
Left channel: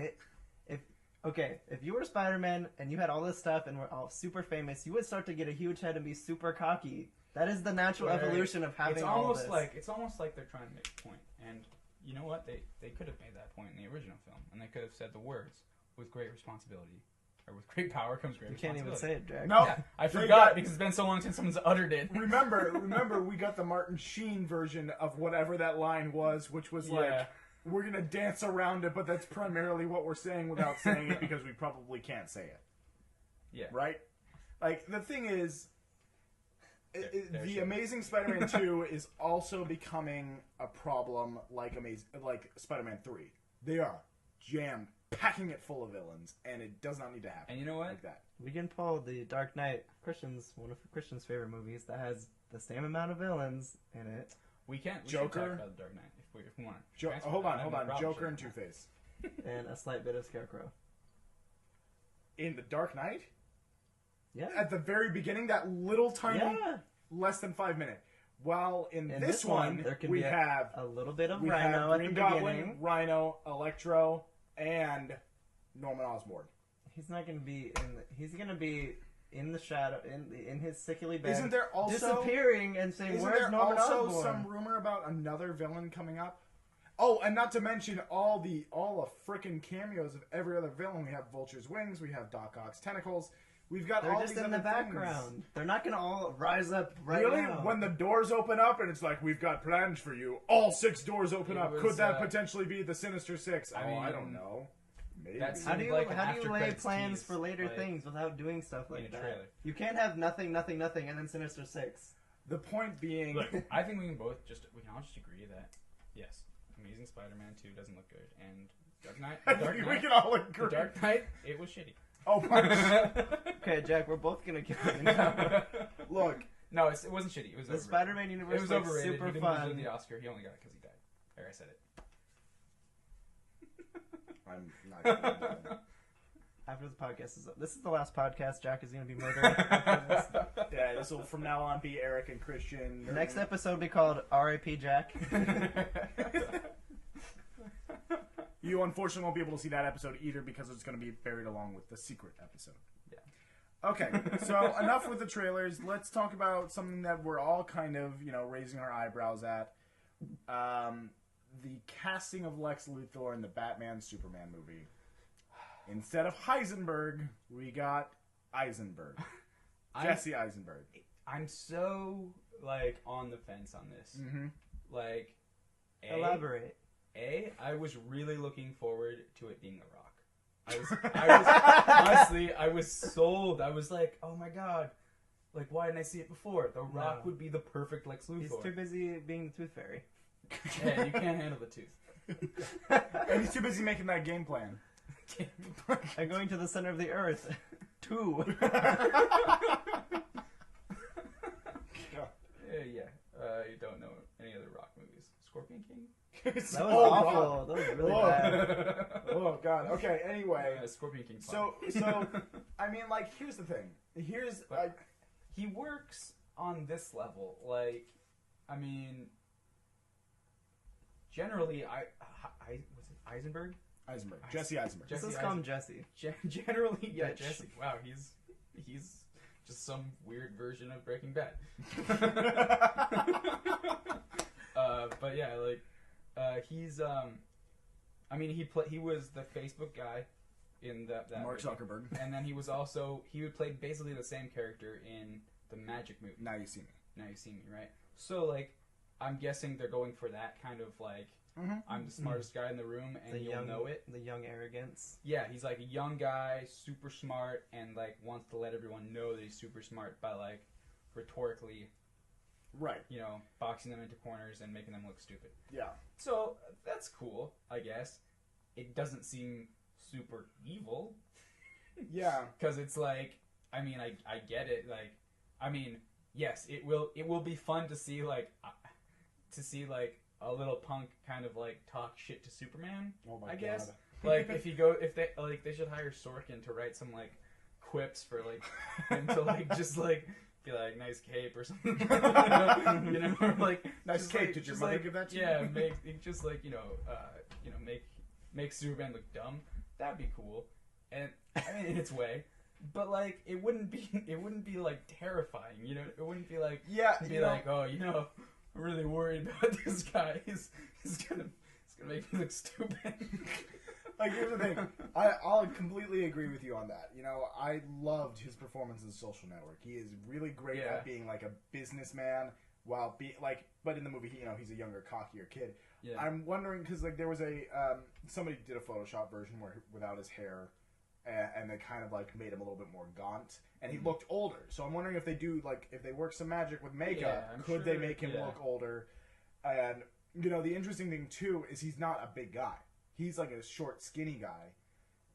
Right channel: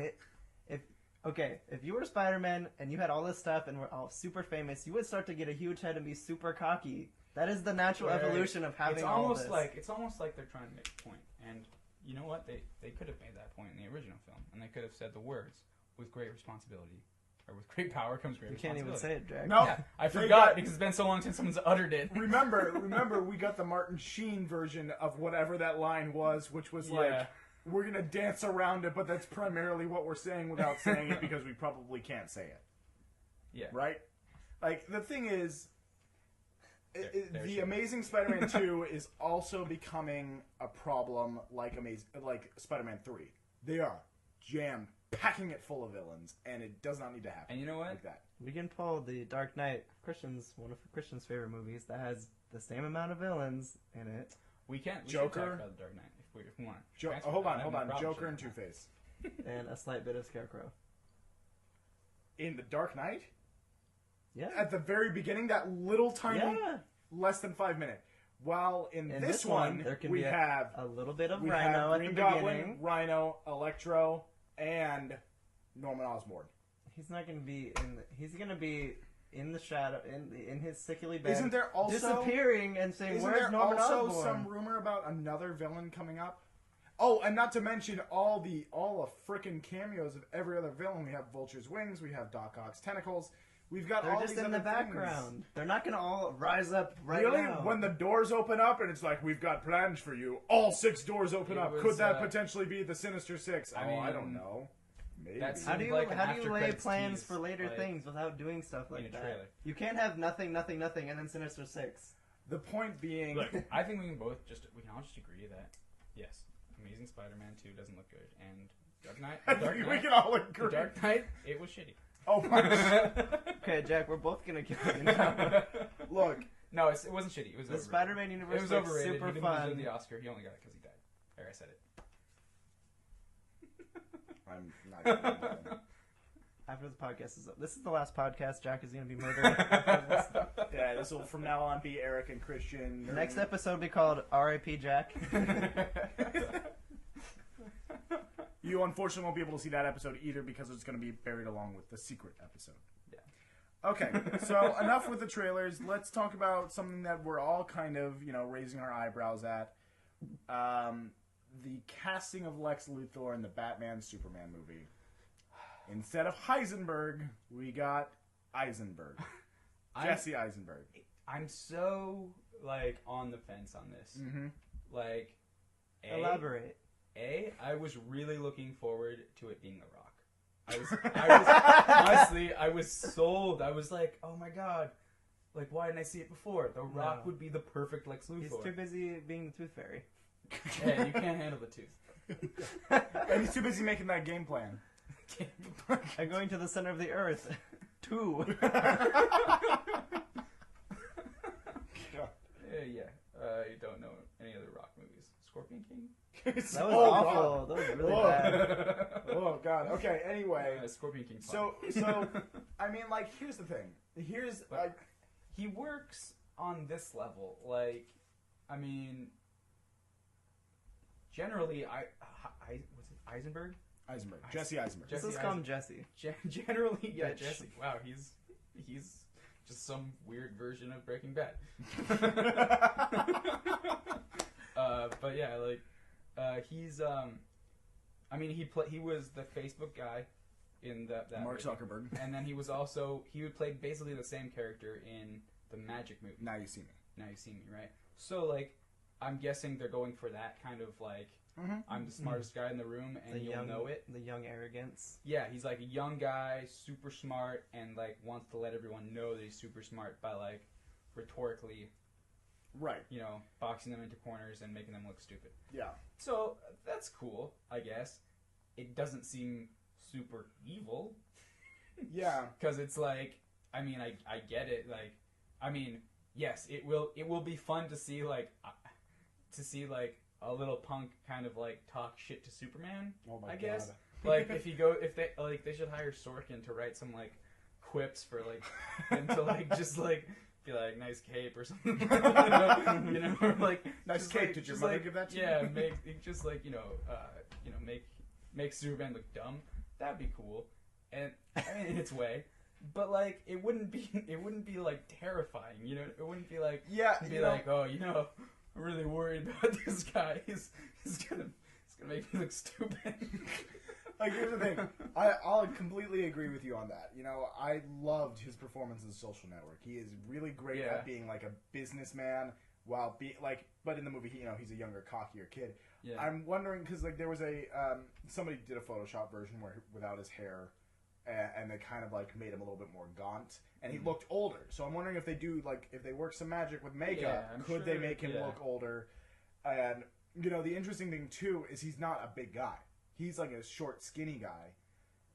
Okay, if you were Spider-Man and you had all this stuff and were all super famous, you would start to get a huge head and be super cocky. That is the natural evolution of having all this. It's almost like they're trying to make a point. And you know what? They could have made that point in the original film. And they could have said the words, with great responsibility. Or with great power comes great You can't responsibility. even say it, Jack. No, Yeah, I forgot because it's been so long since someone's uttered it. remember, we got the Martin Sheen version of whatever that line was, which was like, Yeah. we're gonna dance around it, but that's primarily what we're saying without saying it because we probably can't say it. Yeah. Right? Like, the thing is, There the should- Amazing Spider-Man 2 is also becoming a problem like Spider-Man 3. They are jammed, packing it full of villains, and it does not need to happen. And you know what? Like that. We can pull the Dark Knight, one of Christian's favorite movies, that has the same amount of villains in it. We can't. We Joker? should talk about the Dark Knight if we want. Hold on. Joker and Two-Face. And a slight bit of Scarecrow. In the Dark Knight? Yeah. At the very beginning, that little tiny, Yeah. less than 5 minute. While in In this one, there can we be have a little bit of we Rhino have at the Green Goblin, beginning. Rhino, Electro, and Norman Osborn. He's not going to be he's going to be in the shadow, in his sickly bed. Isn't there also disappearing and saying, Isn't where's there Norman also Osborn? some rumor about another villain coming up? Oh, and not to mention all the frickin' cameos of every other villain. We have Vulture's wings. We have Doc Ock's tentacles. We've got They're all just these in the other background. things. They're not going to all rise up right Really? now. When the doors open up and it's like, we've got plans for you. All 6 doors open It up. was, Could that potentially be the Sinister Six? I mean, I don't know. Maybe. that's- How do you, like an how do you after lay credits plans tease, for later like, things without doing stuff like in a that? trailer. You can't have nothing, nothing, nothing, and then Sinister Six. The point being... Look, I think we can all just agree that yes, Amazing Spider-Man 2 doesn't look good, and Dark Knight. I The Dark think we Knight, can all the agree. Dark Knight, it was shitty. Oh, my... Okay, Jack, we're both going to kill you now. Look. No, it wasn't shitty. It was The overrated. Spider-Man It universe was looks overrated. super He didn't fun. deserve the Oscar. He only got it because he died. There, I said it. I'm not gonna do that. After the podcast is up. This is the last podcast. Jack is going to be murdered. Yeah, this will from now on be Eric and Christian. The next episode will be called R.I.P. Jack. You unfortunately won't be able to see that episode either because it's going to be buried along with the secret episode. Yeah. Okay, so enough with the trailers. Let's talk about something that we're all kind of, raising our eyebrows at. The casting of Lex Luthor in the Batman Superman movie. Instead of Heisenberg, we got Eisenberg. Jesse Eisenberg. I'm so on the fence on this. Mm-hmm. Elaborate. I was really looking forward to it being The Rock. I was sold. I was like, oh my god, why didn't I see it before? The Rock would be the perfect Lex Luthor. He's too busy being the Tooth Fairy. Yeah, you can't handle the tooth. And he's too busy making that game plan. I'm going to the center of the earth. 2. You don't know any other Rock movies. Scorpion King? That was awful. That was really bad. Oh god. Okay. Anyway. Scorpion King. So I mean, here's the thing. Here's he works on this level. I mean, generally, was it Eisenberg? Eisenberg. Jesse Eisenberg. Just let's call him Jesse. Generally, yeah, Bitch. Jesse. Wow, he's just some weird version of Breaking Bad. But yeah, he's I mean, he was the Facebook guy in that Mark movie. Zuckerberg. And then he would play basically the same character in the Magic movie. Now you see me. Now You See Me, right? So I'm guessing they're going for that kind of I'm the smartest guy in the room and you'll know it. The young arrogance. Yeah, he's a young guy, super smart, and wants to let everyone know that he's super smart by rhetorically, Right. boxing them into corners and making them look stupid. Yeah. So that's cool, I guess. It doesn't seem super evil. Yeah. Because it's I mean, I get it. I mean, yes, it will be fun to see a little punk kind of talk shit to Superman. Oh my I guess. God. if they should hire Sorkin to write some quips for him to just be nice cape or something. Or Nice just, cape. Did your just, mother give that to you? Yeah, make Superman look dumb. That'd be cool. and I mean, in its way, but like it wouldn't be like terrifying, you know. It wouldn't be like oh, you know, I'm really worried about this guy. He's gonna make me look stupid. Like, here's the thing. I'll completely agree with you on that. You know, I loved his performance in Social Network. He is really great at being like a businessman while but in the movie, he's a younger, cockier kid. Yeah. I'm wondering because like there was somebody did a Photoshop version without his hair, and they kind of like made him a little bit more gaunt, and he looked older. So I'm wondering if they work some magic with makeup, could they make him look older? And the interesting thing too is he's not a big guy. He's like a short, skinny guy,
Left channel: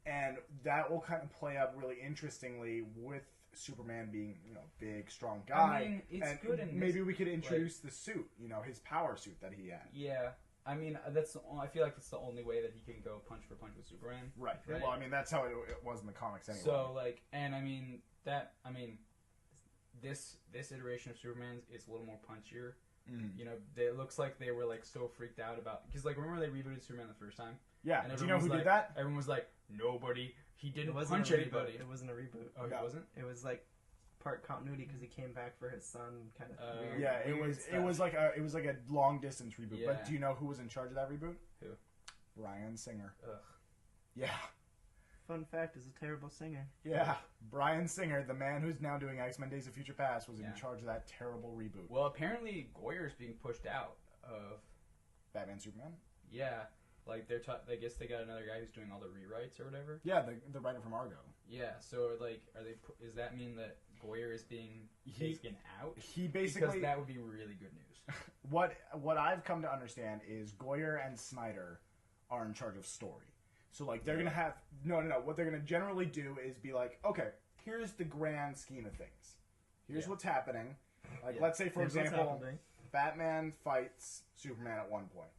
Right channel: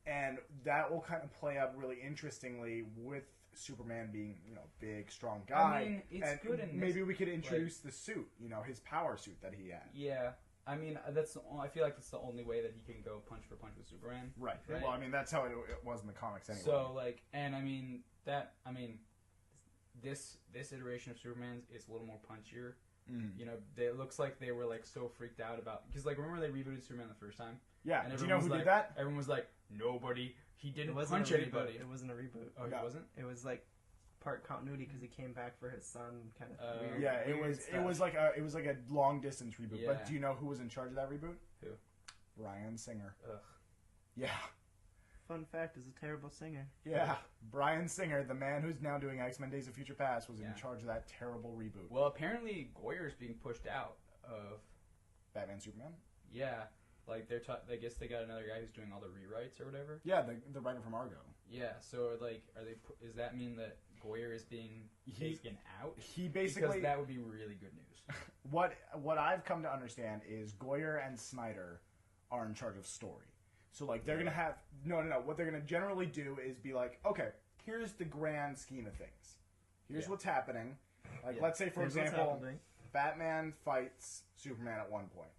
and that will kind of play out really interestingly with Superman being, big, strong guy. I mean, it's and good in maybe we could introduce the suit, his power suit that he had. Yeah, I mean, I feel like that's the only way that he can go punch for punch with Superman. Right. Well, I mean, that's how it was in the comics anyway. So this iteration of Superman's is a little more punchier. Mm. It looks like they were like so freaked out about because like remember they rebooted Superman the first time. Yeah. And do you know who did that? Everyone was like, nobody. He didn't punch anybody. It wasn't a reboot. Oh, it wasn't. It was like part continuity because he came back for his son. Kind of weird. Yeah, it was like a long distance reboot. Yeah. But do you know who was in charge of that reboot? Who? Bryan Singer. Ugh. Yeah. Fun fact is a terrible singer. Yeah, Bryan Singer, the man who's now doing X-Men Days of Future Past, was in charge of that terrible reboot. Well, apparently Goyer's being pushed out of Batman Superman. Yeah, like I guess they got another guy who's doing all the rewrites or whatever. Yeah, the writer from Argo. Yeah, so like, does that mean that Goyer is being taken out? He basically, because that would be really good news. What I've come to understand is Goyer and Snyder are in charge of story. So, like, they're going to have... No. What they're going to generally do is be like, okay, here's the grand scheme of things. Here's what's happening. Like, let's say, for example, Batman fights Superman at one point.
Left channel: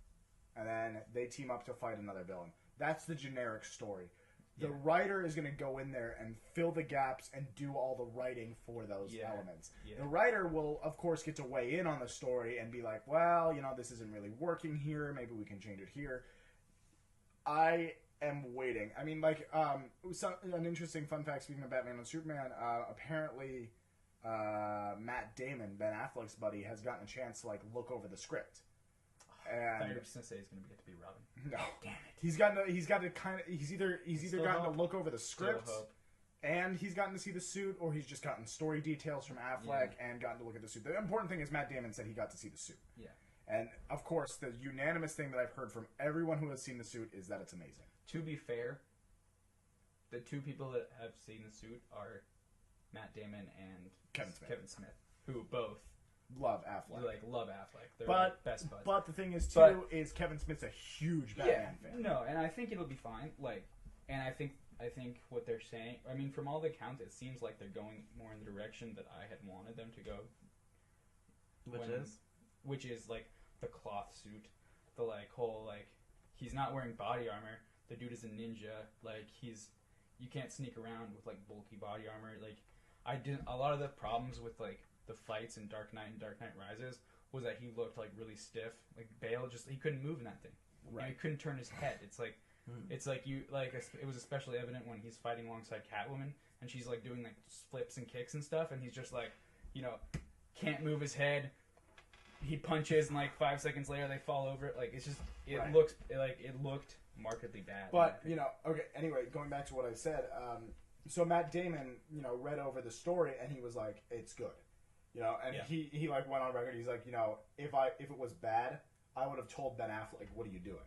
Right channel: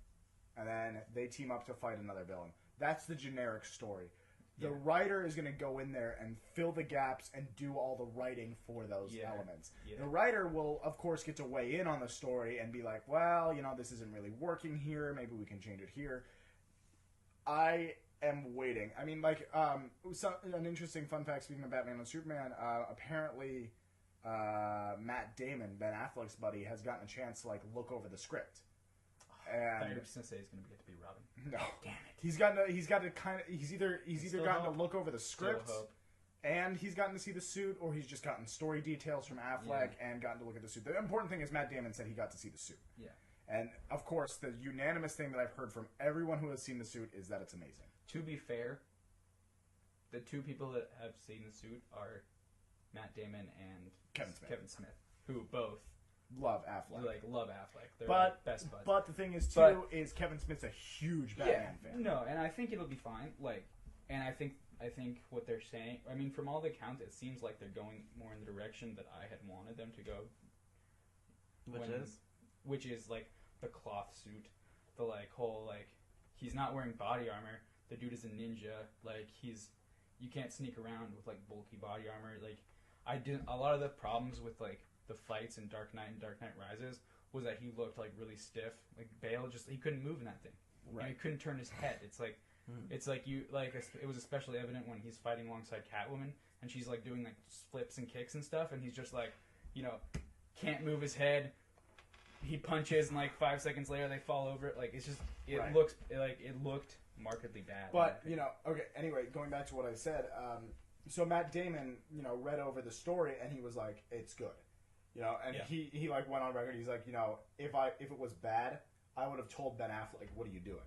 And then they team up to fight another villain. That's the generic story. The writer is going to go in there and fill the gaps and do all the writing for those elements. Yeah. The writer will, of course, get to weigh in on the story and be like, well, this isn't really working here. Maybe we can change it here. I am waiting. I mean, like, an interesting fun fact, speaking of Batman and Superman, apparently Matt Damon, Ben Affleck's buddy, has gotten a chance to, like, look over the script. And I thought you were just going to say he's going to get to be Robin. No. Damn it. He's either gotten to look over the script, and he's gotten to see the suit, or he's just gotten story details from Affleck and gotten to look at the suit. The important thing is Matt Damon said he got to see the suit. Yeah. And, of course, the unanimous thing that I've heard from everyone who has seen the suit is that it's amazing. To be fair, the two people that have seen the suit are Matt Damon and Kevin Smith, who both love Affleck. Love Affleck. They're best buds. But the thing is, too, is Kevin Smith's a huge Batman fan. No, and I think it'll be fine. Like, and I think what they're saying, I mean, from all the accounts, it seems like they're going more in the direction that I had wanted them to go. Which is like the cloth suit, the like whole like he's not wearing body armor. The dude is a ninja. Like you can't sneak around with like bulky body armor. Like a lot of the problems with like the fights in Dark Knight and Dark Knight Rises was that he looked like really stiff. Like Bale he couldn't move in that thing. Right. And he couldn't turn his head. It's like it was especially evident when he's fighting alongside Catwoman and she's like doing like flips and kicks and stuff, and he's just like can't move his head. He punches, and like 5 seconds later, they fall over it. Like it looked markedly bad. But okay. Anyway, going back to what I said, so Matt Damon, read over the story, and he was like, "It's good," and he like went on record. He's like, if it was bad, I would have told Ben Affleck, "What are you doing?"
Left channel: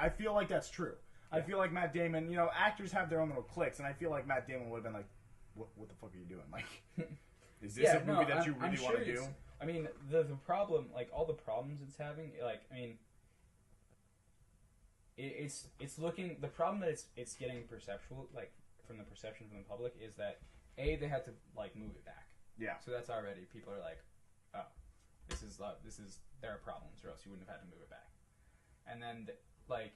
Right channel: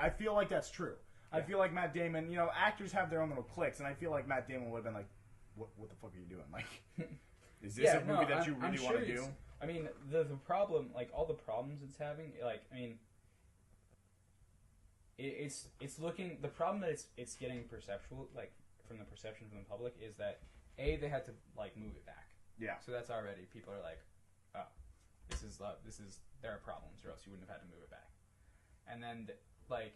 I feel like that's true. I feel like Matt Damon, actors have their own little cliques, and I feel like Matt Damon would have been like, "What the fuck are you doing? Like, is this a movie that you really want to do?" I mean, the problem, like, all the problems it's having, like, I mean, it's looking, the problem that it's getting perceptual, like, from the perception from the public is that, A, they had to, like, move it back. Yeah. So that's already, people are like, oh, there are problems, or else you wouldn't have had to move it back. And then, like,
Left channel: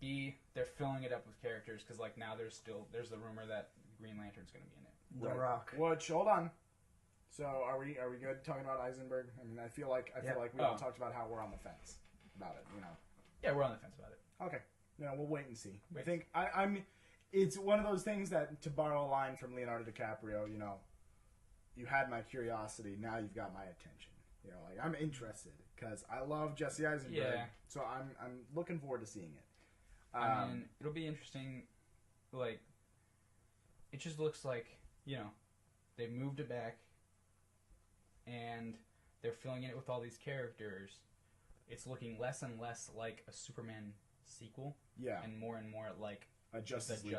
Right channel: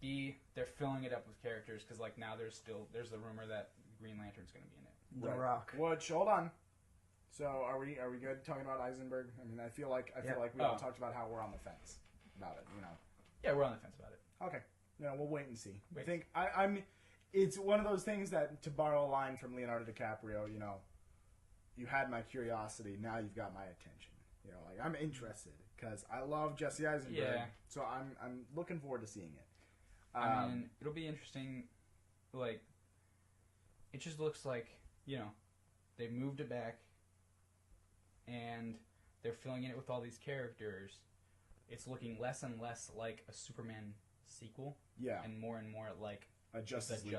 B, they're filling it up with characters, because, like, now there's the rumor that Green Lantern's going to be in it. The Rock. Which, hold on. So are we good talking about Eisenberg? I mean, I feel like we haven't talked about how we're on the fence about it. Yeah, we're on the fence about it. Okay. We'll wait and see. I think I'm it's one of those things that, to borrow a line from Leonardo DiCaprio, you know, you had my curiosity, now you've got my attention. You know, like, I'm interested because I love Jesse Eisenberg. Yeah. So I'm looking forward to seeing it. I mean, it'll be interesting. Like, it just looks like, you know, they moved it back, and they're filling it with all these characters. It's looking less and less like a Superman sequel, and more like a Justice League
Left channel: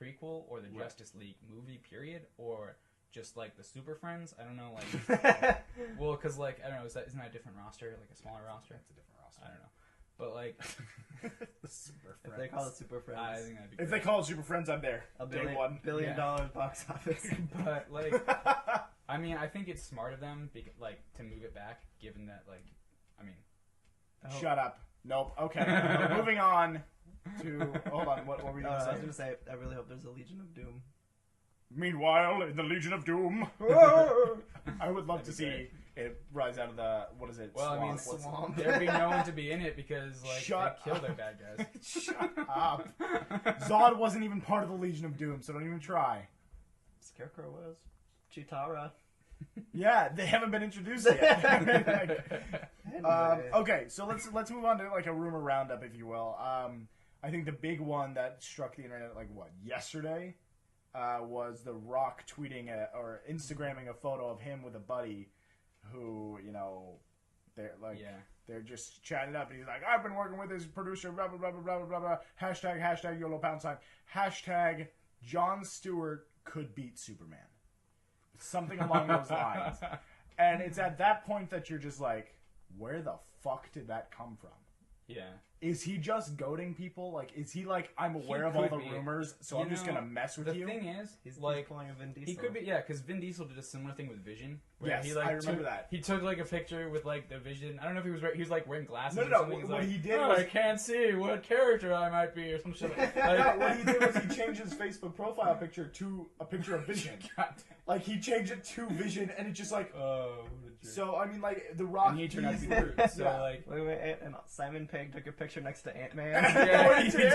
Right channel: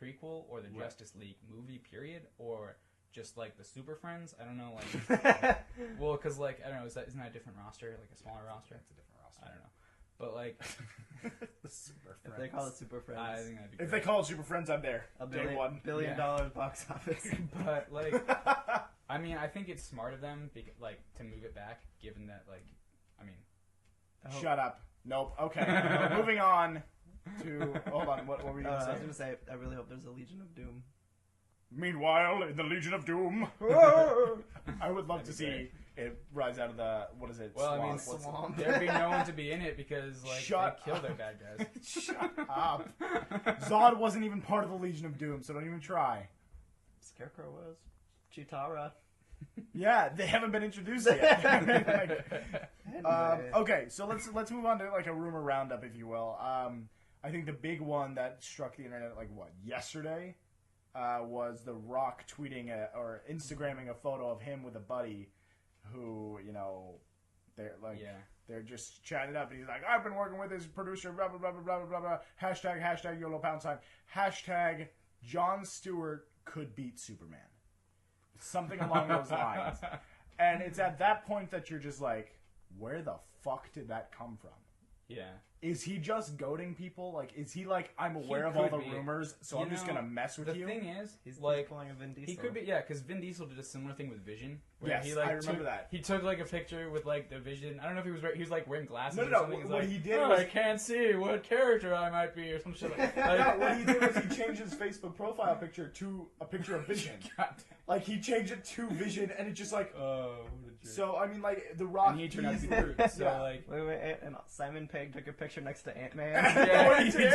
prequel, or the Justice League movie, period, or just like the Super Friends. I don't know, like, well, because like I don't know, isn't that a different roster, like a smaller roster? It's a different roster. I don't know, but like the Super Friends. If they call it Super Friends, I think that'd be if they call it Super Friends, I'm there. Day one. $1 billion box office. But like, I mean, I think it's smart of them, like, to move it back, given that, like, I mean, shut up. Nope. Okay. Moving on to. Hold on. What were we going to say? I was going to say, I really hope there's a Legion of Doom. Meanwhile, in the Legion of Doom, I would love to see it rise out of the, what is it? Well, swamp. I mean, Swamp. there'd be no one to be in it because, like, Shut they kill their bad guys. Shut up. Zod wasn't even part of the Legion of Doom, so don't even try. Scarecrow was. Chitara. Yeah, they haven't been introduced yet. Okay, so let's move on to like a rumor roundup, if you will. I think the big one that struck the internet yesterday was The Rock tweeting or Instagramming a photo of him with a buddy who, you know, they're just chatting it up, and he's like, I've been working with his producer, blah blah blah blah blah blah blah. Hashtag YOLO pound sign. Hashtag Jon Stewart could beat Superman. Something along those lines. And it's at that point that you're just like, where the fuck did that come from? Yeah. Is he just goading people? Like, is he like, I'm aware of all the rumors, so I'm just gonna mess with you? The thing is, he's like, pulling a Vin Diesel. he could be, because Vin Diesel did a similar thing with Vision. Where Yes, he, like, I remember that. He took like a picture with like the Vision. I don't know if he was like wearing glasses. No. Or something. He's What like, he did I can't see what character I might be, or some shit. Like, what he did was he changed his Facebook profile picture to a picture of Vision. Like, he changed it to Vision, and it's just like, so, I mean, like, The Rock... And he turned out to be the Groot, so, like... Wait, and Simon Pegg took a picture next to Ant-Man. Yeah, he did.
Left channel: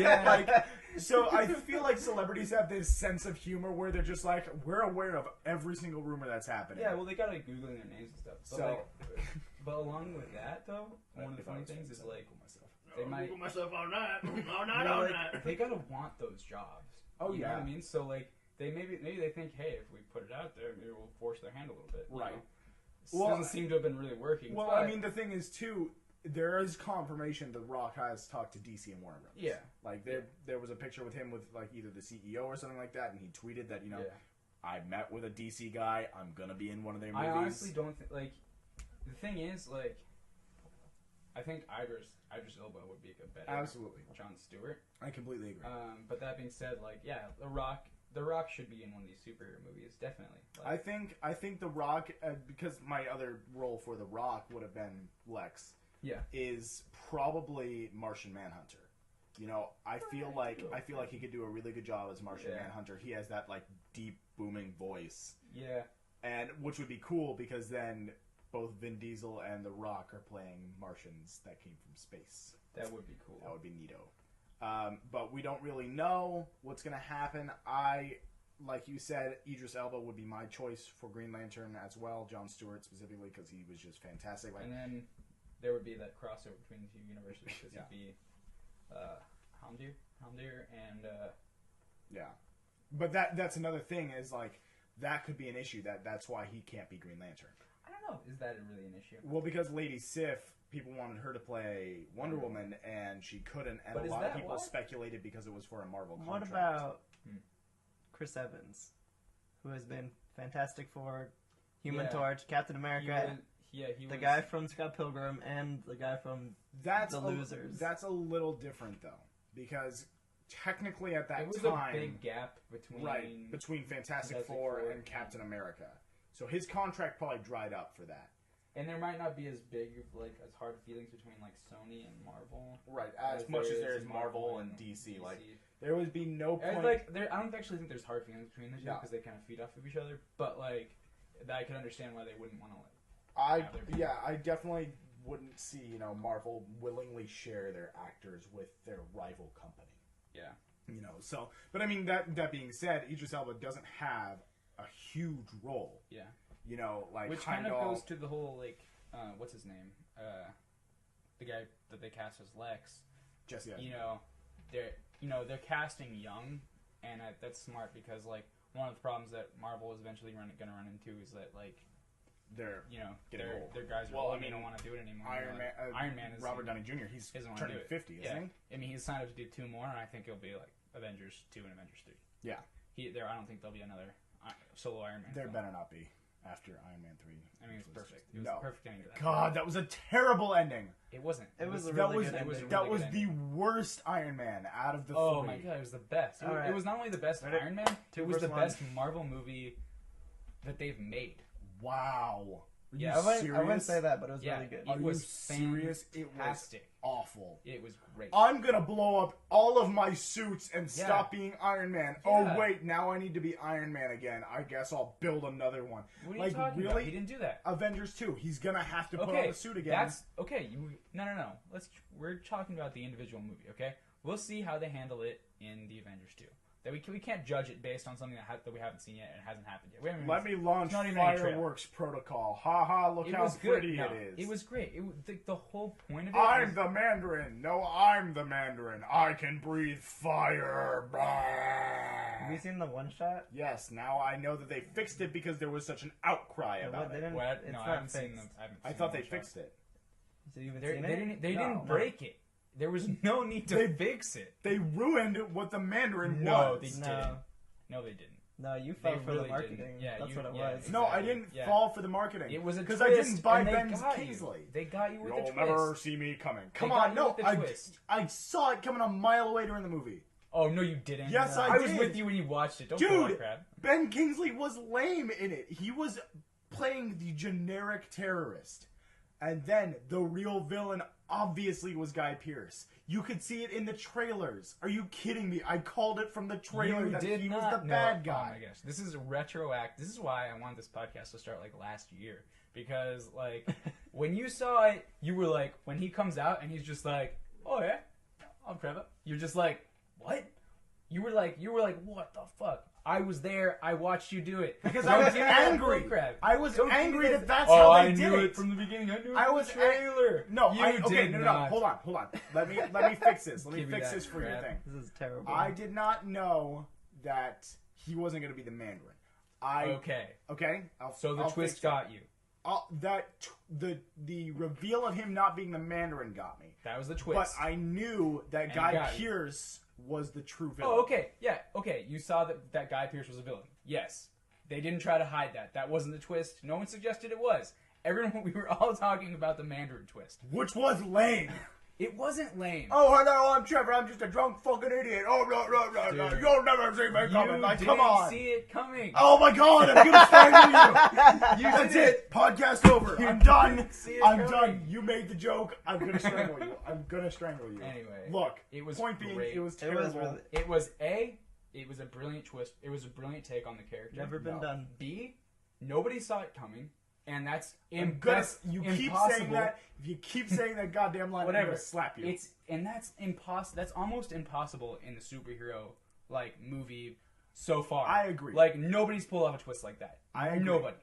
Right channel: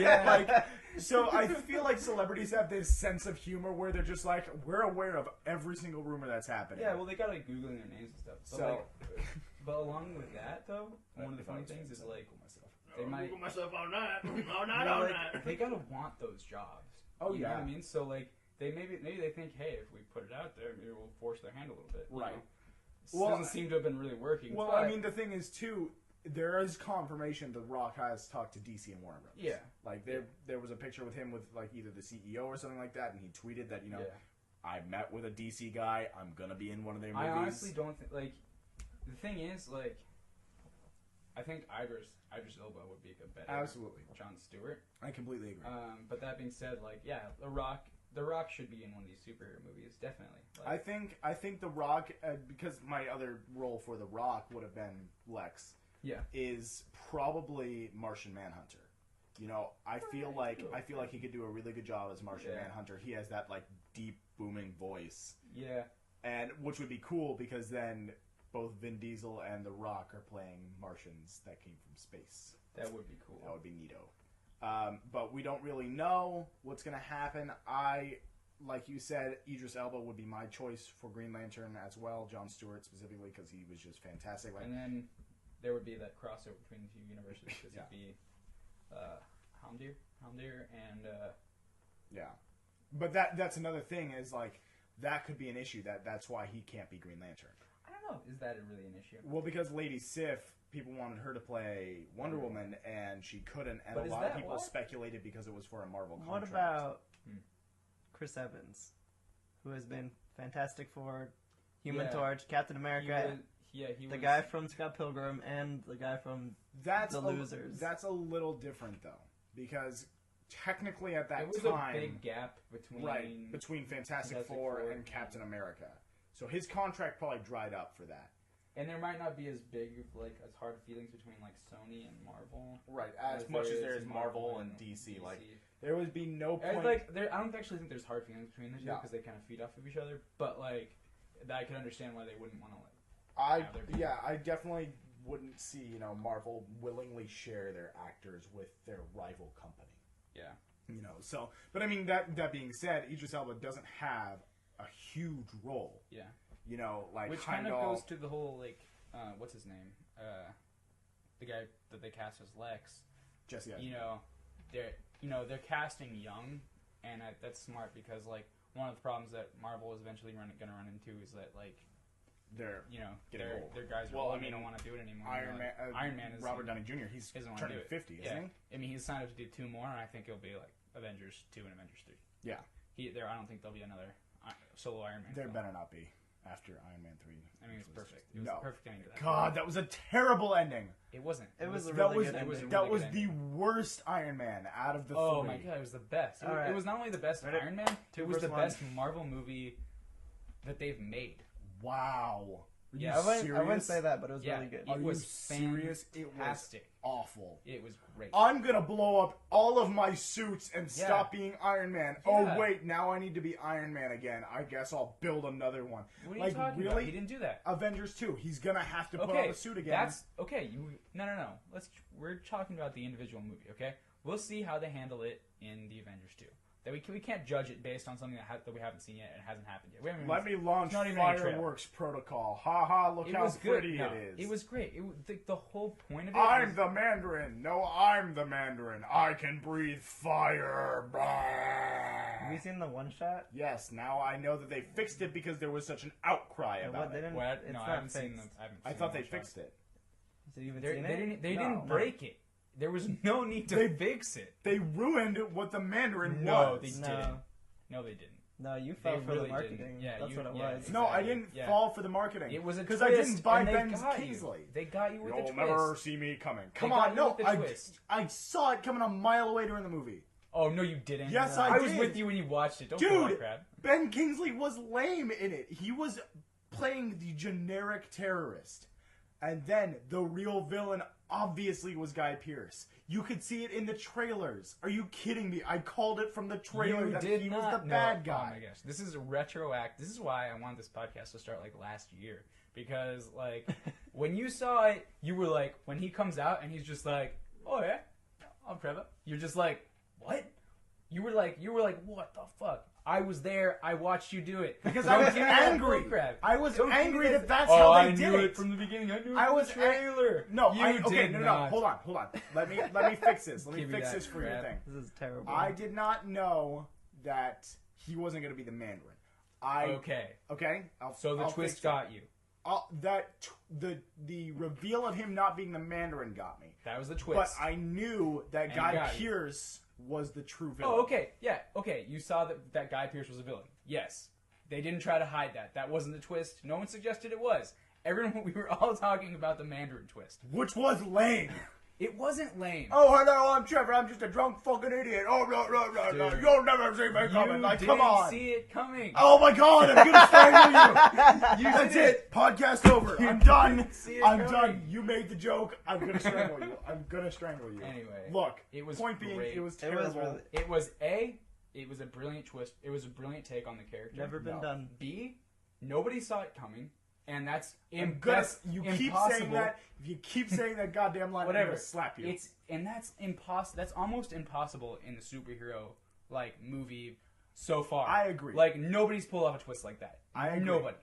Yeah, like, so I feel like celebrities have this sense of humor where they're just like, we're aware of every single rumor that's happening. Yeah, well, they got, like, Googling their names and stuff. So... but along with that, though, one of the funny things is, like, they might... Google myself all night. They gotta want those jobs. Oh, you yeah. know what I mean? So, like, maybe they think, hey, if we put it out there, maybe we'll force their hand a little bit. Right. You know? Well, doesn't seem to have been really working. Well, but... I mean, the thing is, too, there is confirmation The Rock has talked to DC and Warner Bros. Yeah. Like, there was a picture with him with, like, either the CEO or something like that, and he tweeted that, you know, I met with a DC guy, I'm gonna be in one of their movies. I honestly don't think, like, the thing is, like, I think Idris Elba would be a better Jon Stewart. I completely agree. But that being said, like, yeah, The Rock should be in one of these superhero movies, definitely. Like, I think The Rock, because my other role for The Rock would have been Lex, is probably Martian Manhunter. You know, I feel like he could do a really good job as Martian Manhunter. He has that like deep booming voice. Yeah. And which would be cool because then both Vin Diesel and The Rock are playing Martians that came from space. That would be cool. That would be neato. But we don't really know what's going to happen. Like you said, Idris Elba would be my choice for Green Lantern as well. Jon Stewart specifically because he was just fantastic. Like, and then there would be that crossover between the two universes because he'd be Hamdir and yeah. But that's another thing is like that could be an issue. That's why he can't be Green Lantern. I don't know. Is that really an issue? Well, because Lady Sif, people wanted her to play Wonder Woman, and she couldn't. And a lot of people speculated because it was for a Marvel contract. What about Chris Evans, who has been Fantastic Four, Human Torch, Captain America, the guy from Scott Pilgrim, and the guy from The Losers. That's a little different, though, because technically at that time... There was a big gap between Fantastic Four and Captain America. So his contract probably dried up for that. And there might not be as big, like, as hard feelings between, like, Sony and Marvel. Right, as much as there is Marvel and DC. Like, there would be no point... I don't actually think there's hard feelings between the two because they kind of feed off of each other. But, like, I can understand why they wouldn't want to, like... I definitely wouldn't see, Marvel willingly share their actors with their rival company. Yeah. You know, so, but I mean, that being said, Idris Elba doesn't have a huge role. Yeah. You know, like Which kind of Heimdall, goes to the whole, like, what's his name? The guy that they cast as Lex. Jesse You Eisenberg. know, they're casting young, and that's smart because, like, one of the problems that Marvel is eventually going to run into is that, like, They're their old. guys are Well, old, I mean, they don't want to do it anymore. Iron Man is Robert Downey Jr. He's doesn't wanna turning do it. 50, Yeah. isn't I mean, he's signed up to do 2 more, and I think it'll be like Avengers 2 and Avengers 3. Yeah. I don't think there'll be another solo Iron Man. There film. better not be after Iron Man 3. I mean, it's perfect. It was No. the perfect ending to that. God, that was a terrible ending. It wasn't. It was a That really was good ending. that was good the worst Iron Man out of the Oh three. my god, it was the best. It, Alright. it was not only the best Ready? Iron Man, Two it was the versus best Marvel movie that they've made. Wow. Are you Yeah, I wouldn't serious? say that, but it was Yeah, really good. Are it you was serious? It was fantastic. awful. It was great. I'm gonna blow up all of my suits and Yeah. stop being Iron Man. Yeah. Oh wait, now I need to be Iron Man again. I guess I'll build another one. What are you like, talking really? about? He didn't do that. Avengers 2. He's gonna have to put Okay, on the suit again. that's okay. No. We're talking about the individual movie. Okay, we'll see how they handle it in the Avengers 2. That we can't judge it based on something that we haven't seen yet and hasn't happened yet. We haven't Let me launch it's not even any trailer. fireworks protocol. Ha ha! Look It how was good. pretty No, it is. It was great. The whole point of it. I'm was, the Mandarin. No, I'm the Mandarin. I can breathe fire. Have you seen the one shot? Yes, now I know that they fixed it because there was such an outcry Yeah, about they it. didn't. What? It's No, I not haven't seen fixed. them. I thought they fixed it. So you haven't They seen it? didn't. They No. didn't break it. There was no need to They- fix it. They ruined what the Mandarin No, was. they No. didn't. No, they didn't. No, you fell for really the marketing. didn't. Yeah, That's you- what it yeah, was. No, I didn't Yeah. fall for the marketing. It was a because twist. I didn't buy and they Ben got Kingsley. You. They got you with You'll the twist. never see me coming. Come got on, you no, with the I twist. saw it coming a mile away during the movie. Oh no, you didn't. Yes, No. I I was did. with you when you watched it. Don't Dude. pull that crap. Ben Kingsley was lame in it. He was playing the generic terrorist. And then the real villain obviously was Guy Pearce. You could see it in the trailers. Are you kidding me? I called it from the trailer You that did he not. was the No. bad Oh guy. my gosh, this is retroact. This is why I wanted this podcast to start like last year because like when you saw it, you were like, when he comes out and he's just like, oh yeah, I'm Trevor. You're just like, what? You were like, what the fuck? I was there. I watched you do it Because Don't I was give me that angry. bullcrap. I was Don't give me angry that- that that's Oh, how they I did knew it. it from the beginning. I knew it I from was the trailer. No, you okay, did no. not. Hold on. Let me fix this. Let me Give me fix that this for your crap. thing. This is terrible. I did not know that he wasn't going to be the Mandarin. Okay. So the I'll twist fix it. got you. The reveal of him not being the Mandarin got me. That was the twist. But I knew that And Guy got you. Pearce was the true villain. Oh, okay. Yeah, okay. You saw that Guy Pearce was a villain. Yes. They didn't try to hide that. That wasn't the twist. No one suggested it was. We were all talking about the Mandarin twist. Which was lame. It wasn't lame. Oh, hello, I'm Trevor. I'm just a drunk fucking idiot. Oh, no. Dude. You'll never see me coming. You Like, didn't come on. see it coming. Oh, my God. I'm going to strangle you. That's did. it. Podcast over. I'm done. see it I'm coming. done. You made the joke. I'm going to strangle you. I'm going to strangle you. Anyway, Look, it was point being, great. it was It terrible. was really It was a brilliant twist. It was a brilliant take on the character. never been No. done. B, nobody saw it coming, and that's I'm gonna, that's you keep impossible. saying that. If you keep saying that goddamn line, I'm Whatever. gonna slap you. That's impossible. That's almost impossible in the superhero like movie so far. I agree. Like nobody's pulled off a twist like that. I agree. Nobody.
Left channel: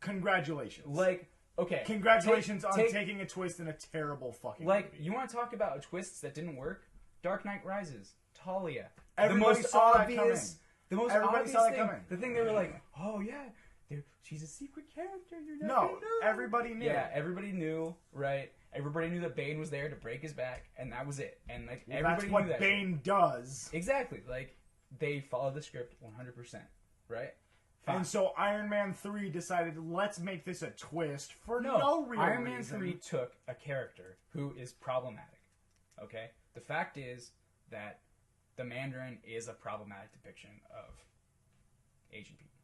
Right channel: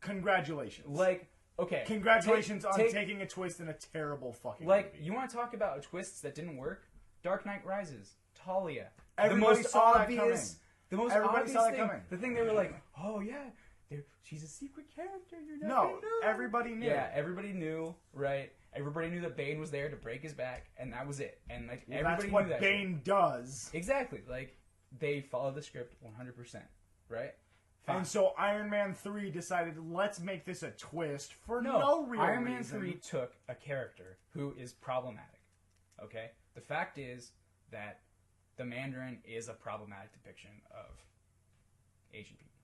Congratulations. Like okay. Congratulations on take- taking a twist in a terrible fucking Like movie. you want to talk about twists that didn't work? Dark Knight Rises, Talia. Everybody the most saw that obvious. The most Everybody obvious saw that thing. coming. The thing they were like, oh yeah, she's a secret character. You're not No, gonna know. everybody knew. Yeah, everybody knew, right? Everybody knew that Bane was there to break his back, and that was it. And like everybody That's what knew that. Bane does. Exactly. Like they followed the script 100%, right? Fine. And so Iron Man 3 decided, let's make this a twist for no real Iron Man reason. 3 took a character who is problematic. Okay? The fact is that the Mandarin is a problematic depiction of Asian people.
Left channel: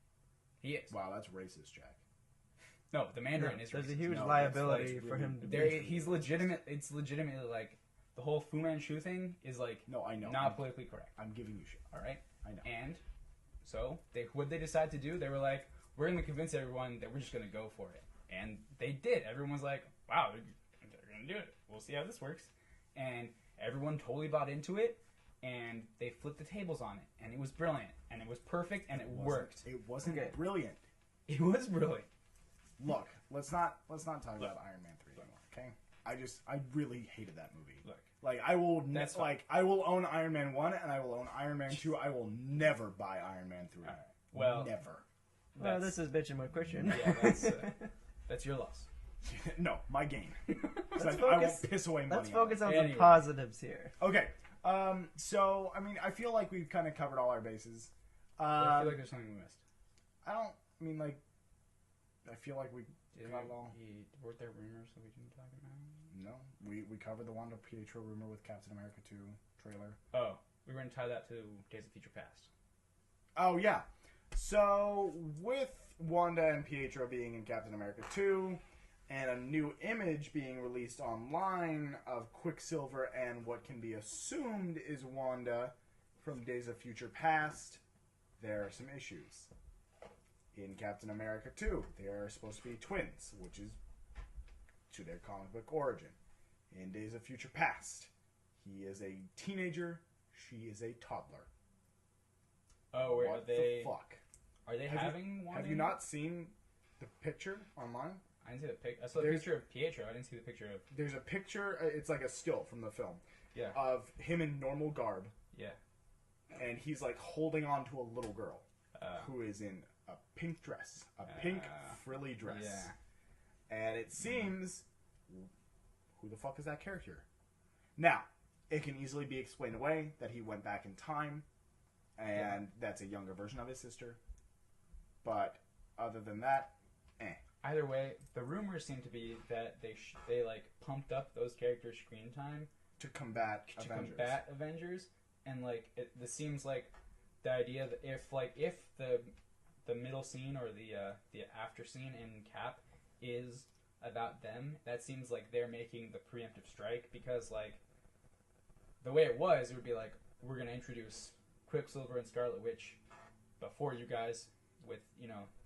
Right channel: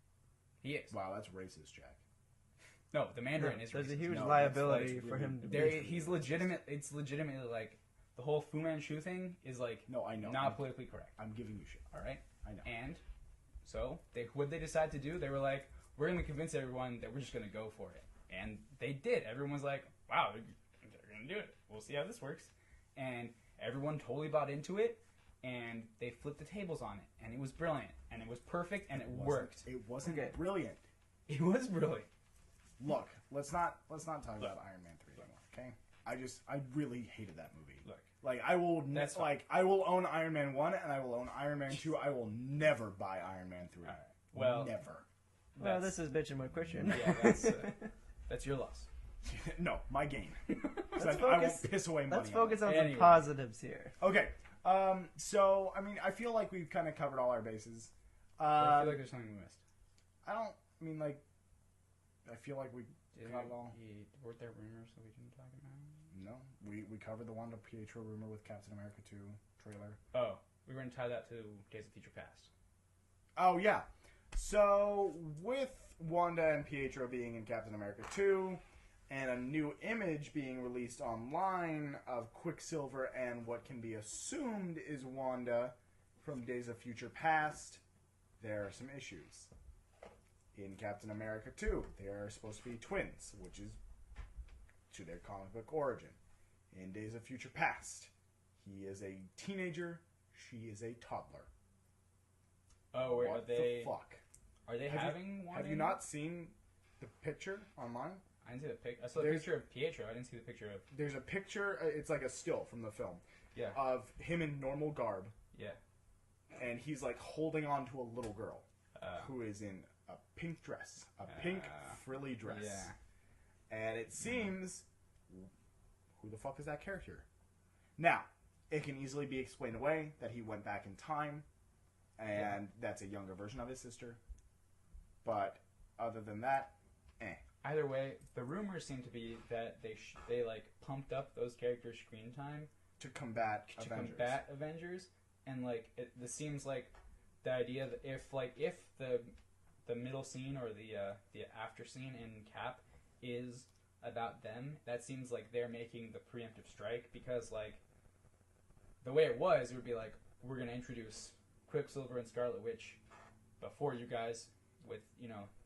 He is. Wow, that's racist, Jack. No, the Mandarin is There's a racist. huge No, liability that's for really- him to There, be. he's legitimate. It's legitimately like the whole Fu Manchu thing is like No, I know. not politically correct. I'm giving you shit. All right, I know. and so what they decide to do, they were like, we're going to convince everyone that we're just going to go for it, and they did. Everyone was like, wow, they're going to do it. We'll see how this works, and everyone totally bought into it. and they flipped the tables on it, and it was brilliant, and it was perfect, and it worked. It wasn't Okay. brilliant. It was brilliant. Look, let's not talk about Iron Man 3 anymore, okay? I really hated that movie. Look, Like I will That's I will own Iron Man 1 and I will own Iron Man 2. I will never buy Iron Man 3. all right. Well, never. Well, this is bitching my question. Yeah, that's your loss. No, my gain. Let's I won't focus- piss away money. Let's focus on Anyway. some positives here. Okay. So I mean, I feel like we've kind of covered all our bases. But I feel like there's something we missed. I don't. I mean, like, I feel like we Did got it all. weren't there rumors that we didn't talk about? No, we covered the Wanda Pietro rumor with Captain America 2 trailer. Oh, we were going to tie that to Days of Future Past. Oh yeah. So with Wanda and Pietro being in Captain America 2, and a new image being released online of Quicksilver and what can be assumed is Wanda from Days of Future Past, there are some issues. In Captain America 2, they are supposed to be twins, which is to their comic book origin. In Days of Future Past, he is a teenager, she is a toddler. Oh, wait, What are they the fuck? Are they Have you- having one? Have you not seen the picture online? I didn't see the pic. I saw the There's- picture of Pietro. I didn't see the picture of. There's a picture, it's like a still from the film, Yeah. of him in normal garb, Yeah. and he's like holding on to a little girl Uh, who is in a pink dress, a pink frilly dress. yeah. And it seems, who the fuck is that character? Now, it can easily be explained away that he went back in time, and that's a younger version of his sister. But other than that, Either way, the rumors seem to be that they like pumped up those characters' screen time to combat to Avengers. combat Avengers, and like this seems like the idea that if the middle scene or the after scene in Cap is about them, that seems like they're making the preemptive strike, because like the way it was, it would be like, we're gonna introduce Quicksilver and Scarlet Witch before you guys with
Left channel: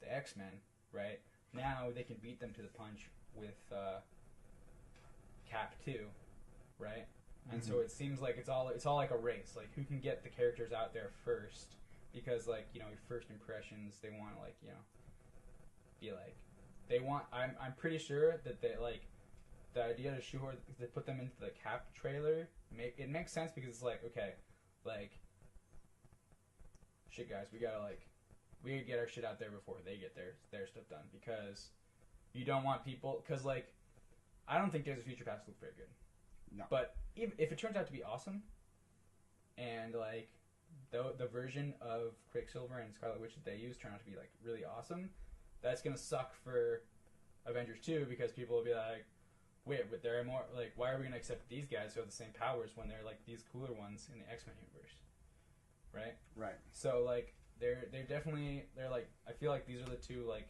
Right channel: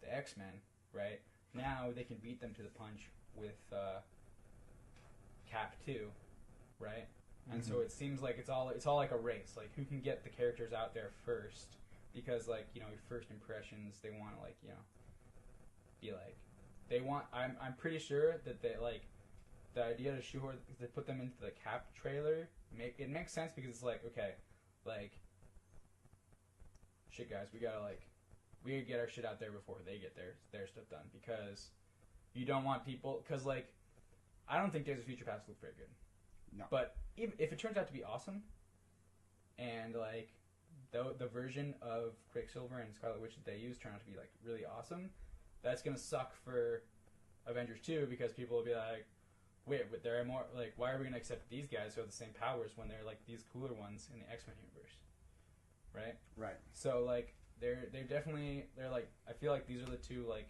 the X-Men, right? Now they can beat them to the punch with Cap 2, right? And so it seems like it's all like a race, like who can get the characters out there first, because like your first impressions, they want to be like they want. I'm pretty sure that they like the idea to shoehorn to put them into the Cap trailer. It makes sense, because it's like, okay, like shit, guys, we gotta get our shit out there before they get their stuff done, because you don't want people, because like I don't think Days of Future Past look very good. No. But if it turns out to be awesome, and like the version of Quicksilver and Scarlet Witch that they use turn out to be like really awesome, that's gonna suck for Avengers 2, because people will be like, wait, but there are more, like, why are we gonna accept these guys who have the same powers when they're like these cooler ones in the X-Men universe, right? Right. So like they're like, I feel like these are the two, like,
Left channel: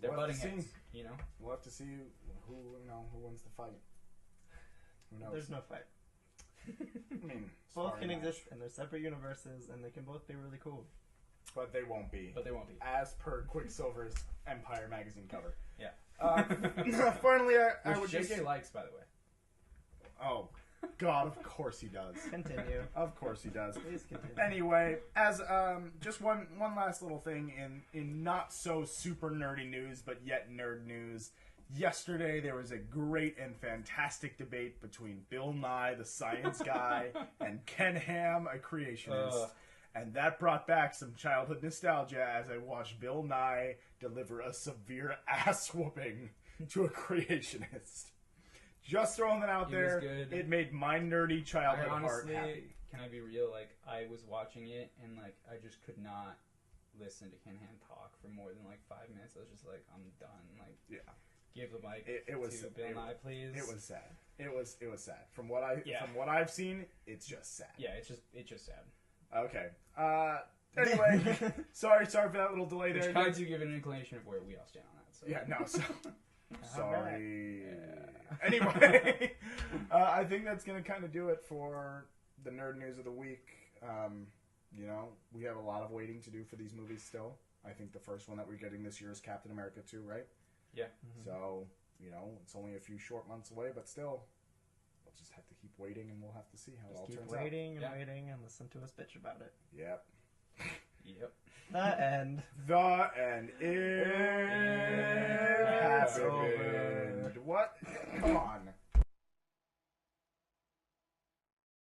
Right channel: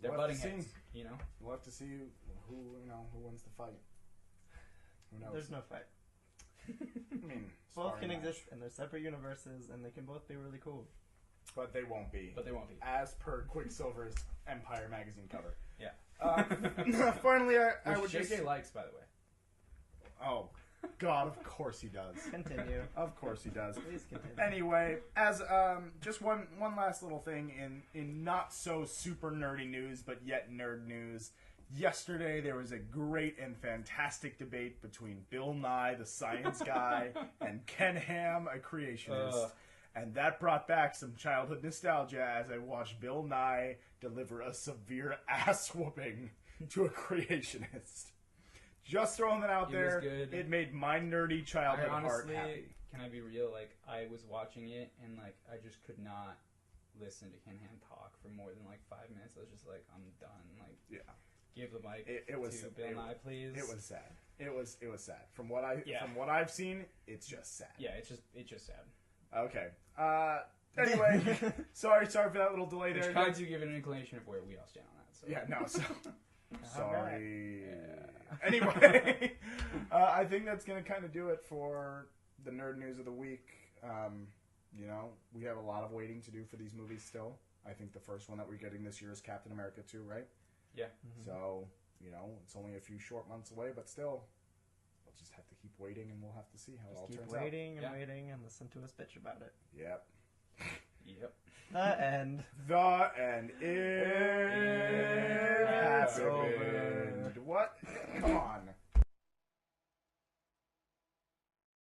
they're We'll have butting to see. heads, We'll have to see who wins the fight. Who knows? There's no fight. I mean, Both can storyline. exist in their separate universes, and they can both be really cool. But they won't be. But they won't be. As per Quicksilver's Empire magazine cover. Yeah. Finally, I would Which just... JK likes, by the way. Oh, God, of course he does. Continue. Of course he does. Please continue. Anyway, as just one last little thing in not so super nerdy news, but yet nerd news. Yesterday there was a great and fantastic debate between Bill Nye, the science guy, and Ken Ham, a creationist. And that brought back some childhood nostalgia as I watched Bill Nye deliver a severe ass whooping to a creationist. Just throwing that out He there. was good. It made my nerdy childhood I heart honestly, happy. can I be real? Like, I was watching it, and like I just could not listen to Ken Ham talk for more than like 5 minutes. I was just like, I'm done. Like, Yeah. give the mic It was to Bill Nye, please. It was sad. It was sad. From what I've seen, it's just sad. Yeah, it's just sad. Okay. Anyway, sorry for that little delay Which there. kind of to give an inclination of where we all stand on that. So. Yeah, no. So, sorry. Yeah. Anyway, I think that's gonna kind of do it for the nerd news of the week. We have a lot of waiting to do for these movies still. I think the first one that we're getting this year is Captain America 2, right? Yeah. So, it's only a few short months away, but still, the we'll just have to keep waiting, and we'll have to see how it all Keep turns waiting and Yeah. waiting and listen to us bitch about it. out. Yep. Yep. The end. The end. It has Happened. opened. What? Come on.